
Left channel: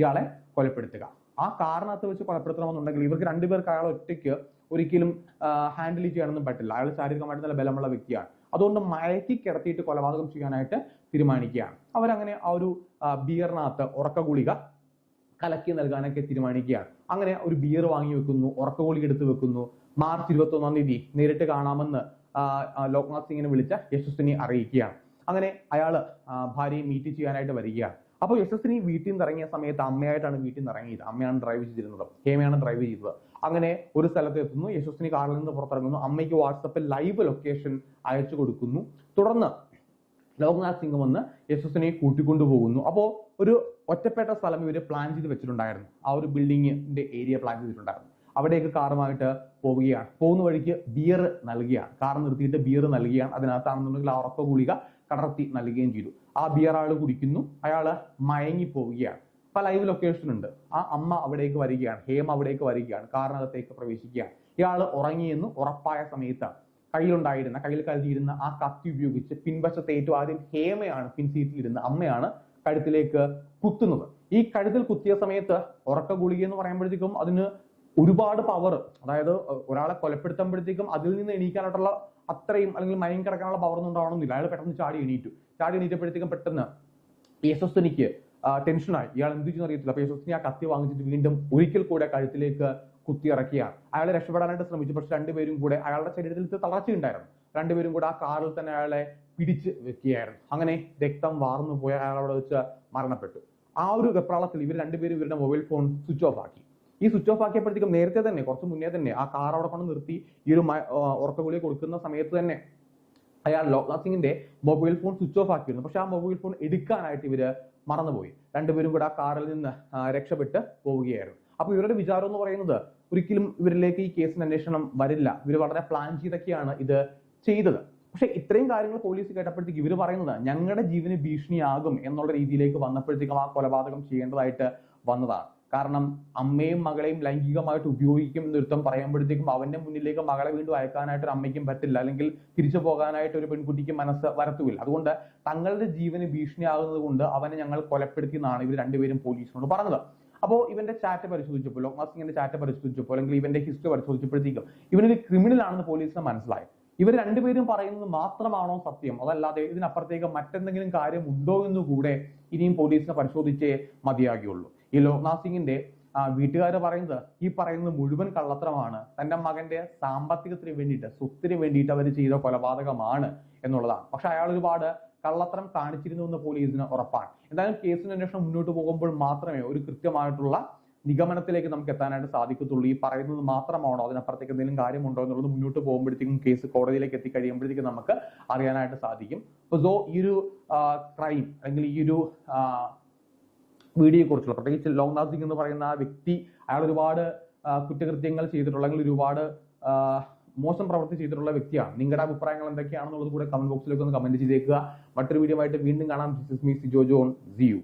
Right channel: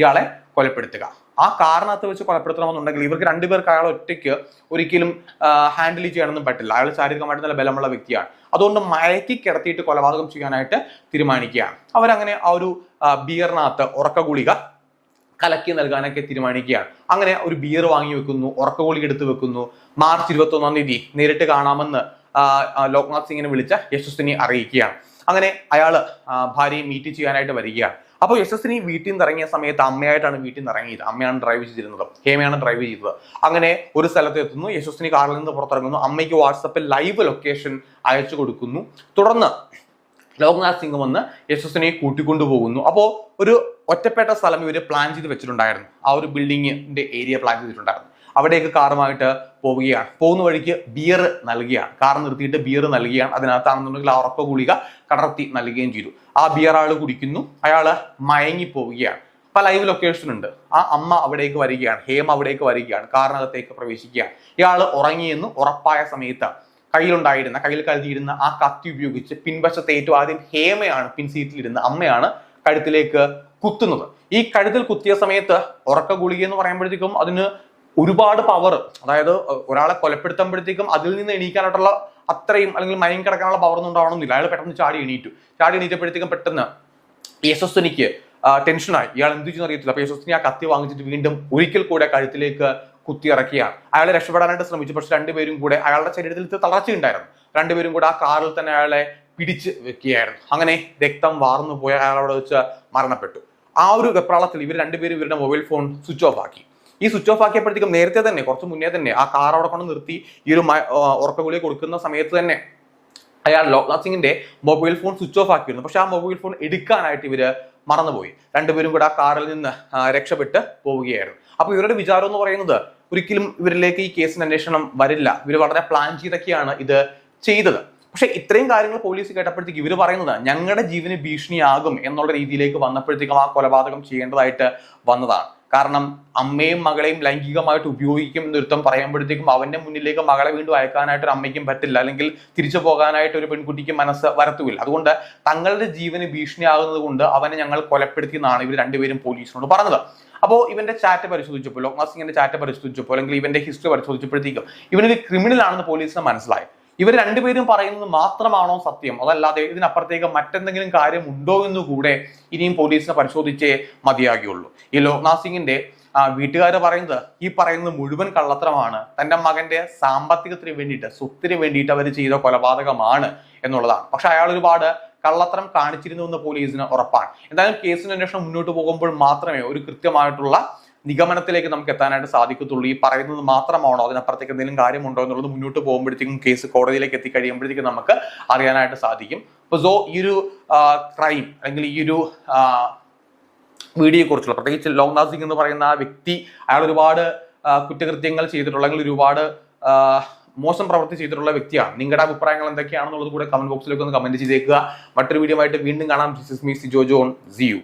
ഇയാളെ കൊലപ്പെടുത്തുക. ആ കാറിനകത്ത് വെച്ച് കൊലപ്പെടുത്തണമെന്നുണ്ടെങ്കിൽ ഇവർക്ക് രണ്ടുപേർക്ക് അയാൾ ഒറ്റയ്ക്ക് ഒരിക്കലും ഹാൻഡിൽ ചെയ്യാനൊന്നും പറ്റില്ല. അയാൾ ശാരീരികമായിട്ട് നല്ല ബലമുള്ള വ്യക്തിയാണ്. അതുകൊണ്ട് മയക്കി കിടത്തിയിട്ട് കൊലപാതകം ചെയ്യാനായിട്ട് തീരുമാനിക്കുകയാണ്. അവരങ്ങനെ ആ ഒരു ബിയറിനകത്ത് ഉറക്ക ഗുളിക കലക്കി നൽകാനൊക്കെ തീരുമാനിക്കുകയാണ്. അങ്ങനെ ഒരു ബിയർ വാങ്ങി വെക്കുന്നു, ഉറക്ക ഗുളിക എടുത്ത് വെക്കുന്നു. മാർച്ച് 21-ാം തീയതി നേരിട്ട് കാണാമെന്ന് ലോക്നാഥ് സിംഗിനെ വിളിച്ച യശസ്വിനി അറിയിക്കുകയാണ്. അങ്ങനെ അയാള് ഭാര്യയെ മീറ്റ് ചെയ്യാനായിട്ട് വരികയാണ്. അപ്പോൾ യശസ്വിനി വീട്ടിൽ നിന്ന് ഇറങ്ങിയ സമയത്ത് അമ്മയായിട്ടാണ് വീട്ടിൽ നിന്ന് ഇറങ്ങിയത്. അമ്മയാണ് ഡ്രൈവ് ചെയ്തിരുന്നത്, ഹേമയാണ് ഡ്രൈവ് ചെയ്തത്. അങ്ങനെ ഒരു സ്ഥലത്ത് എത്തുന്നു, യശസ്വിനി കാറിൽ നിന്ന് പുറത്തിറങ്ങുന്നു, അമ്മയ്ക്ക് വാട്സപ്പിൽ ലൈവ് ലൊക്കേഷൻ അയച്ചു കൊടുക്കുന്നു. തുടർന്ന് ലോക്നാഥ് സിംഗ് വന്ന് യശസ്വിനിയെ കൂട്ടിക്കൊണ്ടുപോകുന്നു. അപ്പോൾ ഒരു ഒറ്റപ്പെട്ട സ്ഥലം ഇവർ പ്ലാൻ ചെയ്ത് വെച്ചിട്ടുണ്ടായിരുന്നു. ആ ഒരു ബിൽഡിങ്ങിന്റെ ഏരിയ പ്ലാൻ ചെയ്തിട്ടുണ്ടായിരുന്നു. അവിടേക്ക് കാറുമായിട്ട് പോവുകയാണ്. പോകുന്ന വഴിക്ക് ബിയർ നൽകുകയാണ്, കാർ നിർത്തിയിട്ട് ബിയർ നൽകുകയാണ്. അതിനകത്താണെന്നുണ്ടെങ്കിൽ ആ ഉറക്ക ഗുളിക കടർത്തി നൽകുകയും ചെയ്തു. ആ ബിയർ ആൾ കുടിക്കുന്നു, അയാൾ മയങ്ങി പോവുകയാണ്. അപ്പൊ ലൈവ് ലൊക്കേഷൻ ഉണ്ട്. ആ അമ്മ അവിടേക്ക് വരികയാണ്, ഹേമ അവിടേക്ക് വരികയാണ്, കാറിനകത്തേക്ക് പ്രവേശിക്കുകയാണ്. ഇയാൾ ഉറങ്ങിയെന്ന് ഉറപ്പായ സമയത്ത് കയ്യിൽ കരുതിയിരുന്ന ആ കത്തി ഉപയോഗിച്ച് പിൻവശത്ത് ഏറ്റവും ആദ്യം ഹേമയാണ് പിൻസീറ്റിലിരുന്ന അമ്മയാണ് കഴുത്തിലേക്ക് കുത്തുന്നത്. ഈ കഴുത്തിൽ കുത്തിയ സമയത്ത് ഉറക്ക ഗുളിക എന്ന് പറയുമ്പോഴത്തേക്കും അതിന് ഒരുപാട് പവർ, അതായത് ഒരാളെ കൊലപ്പെടുത്തുമ്പോഴത്തേക്കും അതിൽ നിന്ന് എണീക്കാനായിട്ടുള്ള അത്രയും, അല്ലെങ്കിൽ മയം കിടക്കാനുള്ള പവർ ഒന്നും ഉണ്ടാവണമെന്നില്ല. അയാൾ പെട്ടെന്ന് ചാടി എണീറ്റപ്പോഴത്തേക്കും പെട്ടെന്ന് യശസ്വിനിക്ക് ടെൻഷനായി. ഇയാൾ എന്ത് ചെയ്യുന്ന അറിയത്തില്ല. അപ്പൊ യശസ്വിനി ആ കത്തി വാങ്ങിച്ചിട്ട് വീണ്ടും ഒരിക്കൽ കൂടെ കഴുത്തിലേക്ക് കുത്തി ഇറക്കിയാണ്. അയാളെ രക്ഷപ്പെടാനായിട്ട് ശ്രമിച്ചു. പക്ഷെ രണ്ടുപേരും കൂടെ, അയാളുടെ ശരീരത്തിൽ തളർച്ചയുണ്ടായിരുന്നു, രണ്ടുപേരും കൂടെ ആ കാറിൽ തന്നെ അയാളെ പിടിച്ച് വെക്കുകയായിരുന്നു. അങ്ങനെ രക്തം വാർന്നു പോയ അയാൾ അവിടെ വെച്ച് മരണപ്പെട്ടു. ആ ഒരു വെപ്രാളത്തിൽ ഇവർ രണ്ടുപേരും ഇവരുടെ മൊബൈൽ ഫോൺ സ്വിച്ച് ഓഫ് ആക്കി. ഈ സ്വിച്ച് ഓഫ് ആക്കിയപ്പോഴത്തേക്കും നേരത്തെ തന്നെ, കുറച്ച് മുന്നേ തന്നെ ആ കാർ അവിടെ കൊണ്ട് നിർത്തി ഈ ഒരു ഉറക്ക ഗുളിക കൊടുക്കുന്ന സമയത്ത് തന്നെ അയാൾ ലോക്നാഥ് സിംഗിന്റെ മൊബൈൽ ഫോൺ സ്വിച്ച് ഓഫ് ആക്കിയിരുന്നു. പക്ഷെ ആ മൊബൈൽ ഫോൺ എടുക്കാനായിട്ട് ഇവര് മറന്നുപോയി. രണ്ടുപേരും കൂടെ ആ കാറിൽ നിന്ന് രക്ഷപ്പെട്ട് പോവുകയായിരുന്നു. അപ്പൊ ഇവരുടെ വിചാരം എന്ന് പറയുന്നത് ഒരിക്കലും ഇവരിലേക്ക് ഈ കേസിന് അന്വേഷണം വരില്ല, ഇവർ വളരെ പ്ലാൻ ചെയ്തൊക്കെയാണ് ഇത് ചെയ്തത്. പക്ഷെ ഇത്രയും കാര്യങ്ങൾ പോലീസ് കേട്ടപ്പോഴത്തേക്ക് ഇവർ പറയുന്നത് ഞങ്ങളുടെ ജീവന് ഭീഷണിയാകും എന്നുള്ള രീതിയിലേക്ക് വന്നപ്പോഴത്തേക്കും ആ കൊലപാതകം ചെയ്യേണ്ടതായിട്ട് വന്നതാണ്. കാരണം അമ്മയും മകളെയും ലൈംഗികമായിട്ട് ഉപയോഗിക്കും എന്നൊരുത്തം പറയുമ്പോഴത്തേക്കും അവന്റെ മുന്നിലേക്ക് മകളെ വീണ്ടും അയക്കാനായിട്ട് ഒരു അമ്മയ്ക്കും പറ്റില്ല, അല്ലെങ്കിൽ തിരിച്ചു പോകാനായിട്ട് ഒരു പെൺകുട്ടിക്ക് മനസ്സ് വരത്തുമില്ല. അതുകൊണ്ട് തങ്ങളുടെ ജീവന് ഭീഷണിയാകുന്നത് കൊണ്ട് അവനെ ഞങ്ങൾ കൊലപ്പെടുത്തി എന്നാണ് ഇവർ രണ്ടുപേരും പോലീസിനോട് പറഞ്ഞത്. അപ്പോൾ ഇവന്റെ ചാറ്റ് പരിശോധിച്ചപ്പോൾ, ലോക്നാഥ് സിംഗിന്റെ ചാറ്റ് പരിശോധിച്ചപ്പോൾ, അല്ലെങ്കിൽ ഇവന്റെ ഹിസ്റ്ററി പരിശോധിച്ചപ്പോഴത്തേക്കും ഇവനൊരു ക്രിമിനൽ ആണെന്ന് പോലീസിന് മനസ്സിലായി. ഇവർ രണ്ടുപേരും പറയുന്നത് മാത്രമാണോ സത്യം, അതല്ലാതെ ഇതിനപ്പുറത്തേക്ക് മറ്റെന്തെങ്കിലും കാര്യം ഉണ്ടോ എന്ന് കൂടെ ഇനിയും പോലീസിനെ പരിശോധിച്ചേ മതിയാകുള്ളൂ. ഈ ലോക്നാഥ് സിംഗിന്റെ വീട്ടുകാർ പറയുന്നത് ഈ പറയുന്നത് മുഴുവൻ കള്ളത്തരമാണ്, തന്റെ മകന്റെ സാമ്പത്തികത്തിന് വേണ്ടിയിട്ട്, സ്വത്തിന് വേണ്ടിയിട്ട് അവർ ചെയ്ത കൊലപാതകമാണ് എന്നുള്ളതാണ്. പക്ഷെ അയാൾ ഒരുപാട് കള്ളത്തരം കാണിച്ചിരുന്നു എന്ന് പോലീസിന് ഉറപ്പാണ്. എന്തായാലും കേസിന്റെ അന്വേഷണം മുന്നോട്ട് പോകുമ്പോൾ മാത്രമേ ഒരു കൃത്യമായിട്ടുള്ള നിഗമനത്തിലേക്ക് നമുക്ക് എത്താനായിട്ട് സാധിക്കത്തുള്ളൂ. ഈ പറയുന്നത് മാത്രമാണോ, അതിനപ്പുറത്തേക്ക് എന്തെങ്കിലും കാര്യമുണ്ടോ എന്നുള്ളത് മുന്നോട്ട് പോകുമ്പോഴത്തേക്കും, കേസ് കോടതിയിലേക്ക് എത്തിക്കഴിയുമ്പോഴത്തേക്കും നമുക്ക് അറിയാനായിട്ട് സാധിക്കും. അപ്പോൾ സോ ഈ ഒരു ക്രൈം അല്ലെങ്കിൽ ഈ ഒരു വീഡിയോയെ കുറിച്ചുള്ള, പ്രത്യേകിച്ച് ലോക്നാഥ് സിംഗ് എന്ന് പറയുന്ന ആ വ്യക്തി, അയാൾ ഒരുപാട് കുറ്റകൃത്യങ്ങൾ ചെയ്തിട്ടുള്ള, അല്ലെങ്കിൽ ഒരുപാട് മോശം പ്രവൃത്തി ചെയ്തിട്ടുള്ള വ്യക്തിയാണ്. നിങ്ങളുടെ അഭിപ്രായങ്ങൾ എന്തൊക്കെയാണെന്നുള്ളത് കൂടെ കമന്റ് ബോക്സിലേക്ക് ഒന്ന് കമന്റ് ചെയ്തേക്കുക. മറ്റൊരു വീഡിയോ ആയിട്ട് വീണ്ടും കാണാം. This is me Sijo John. See U.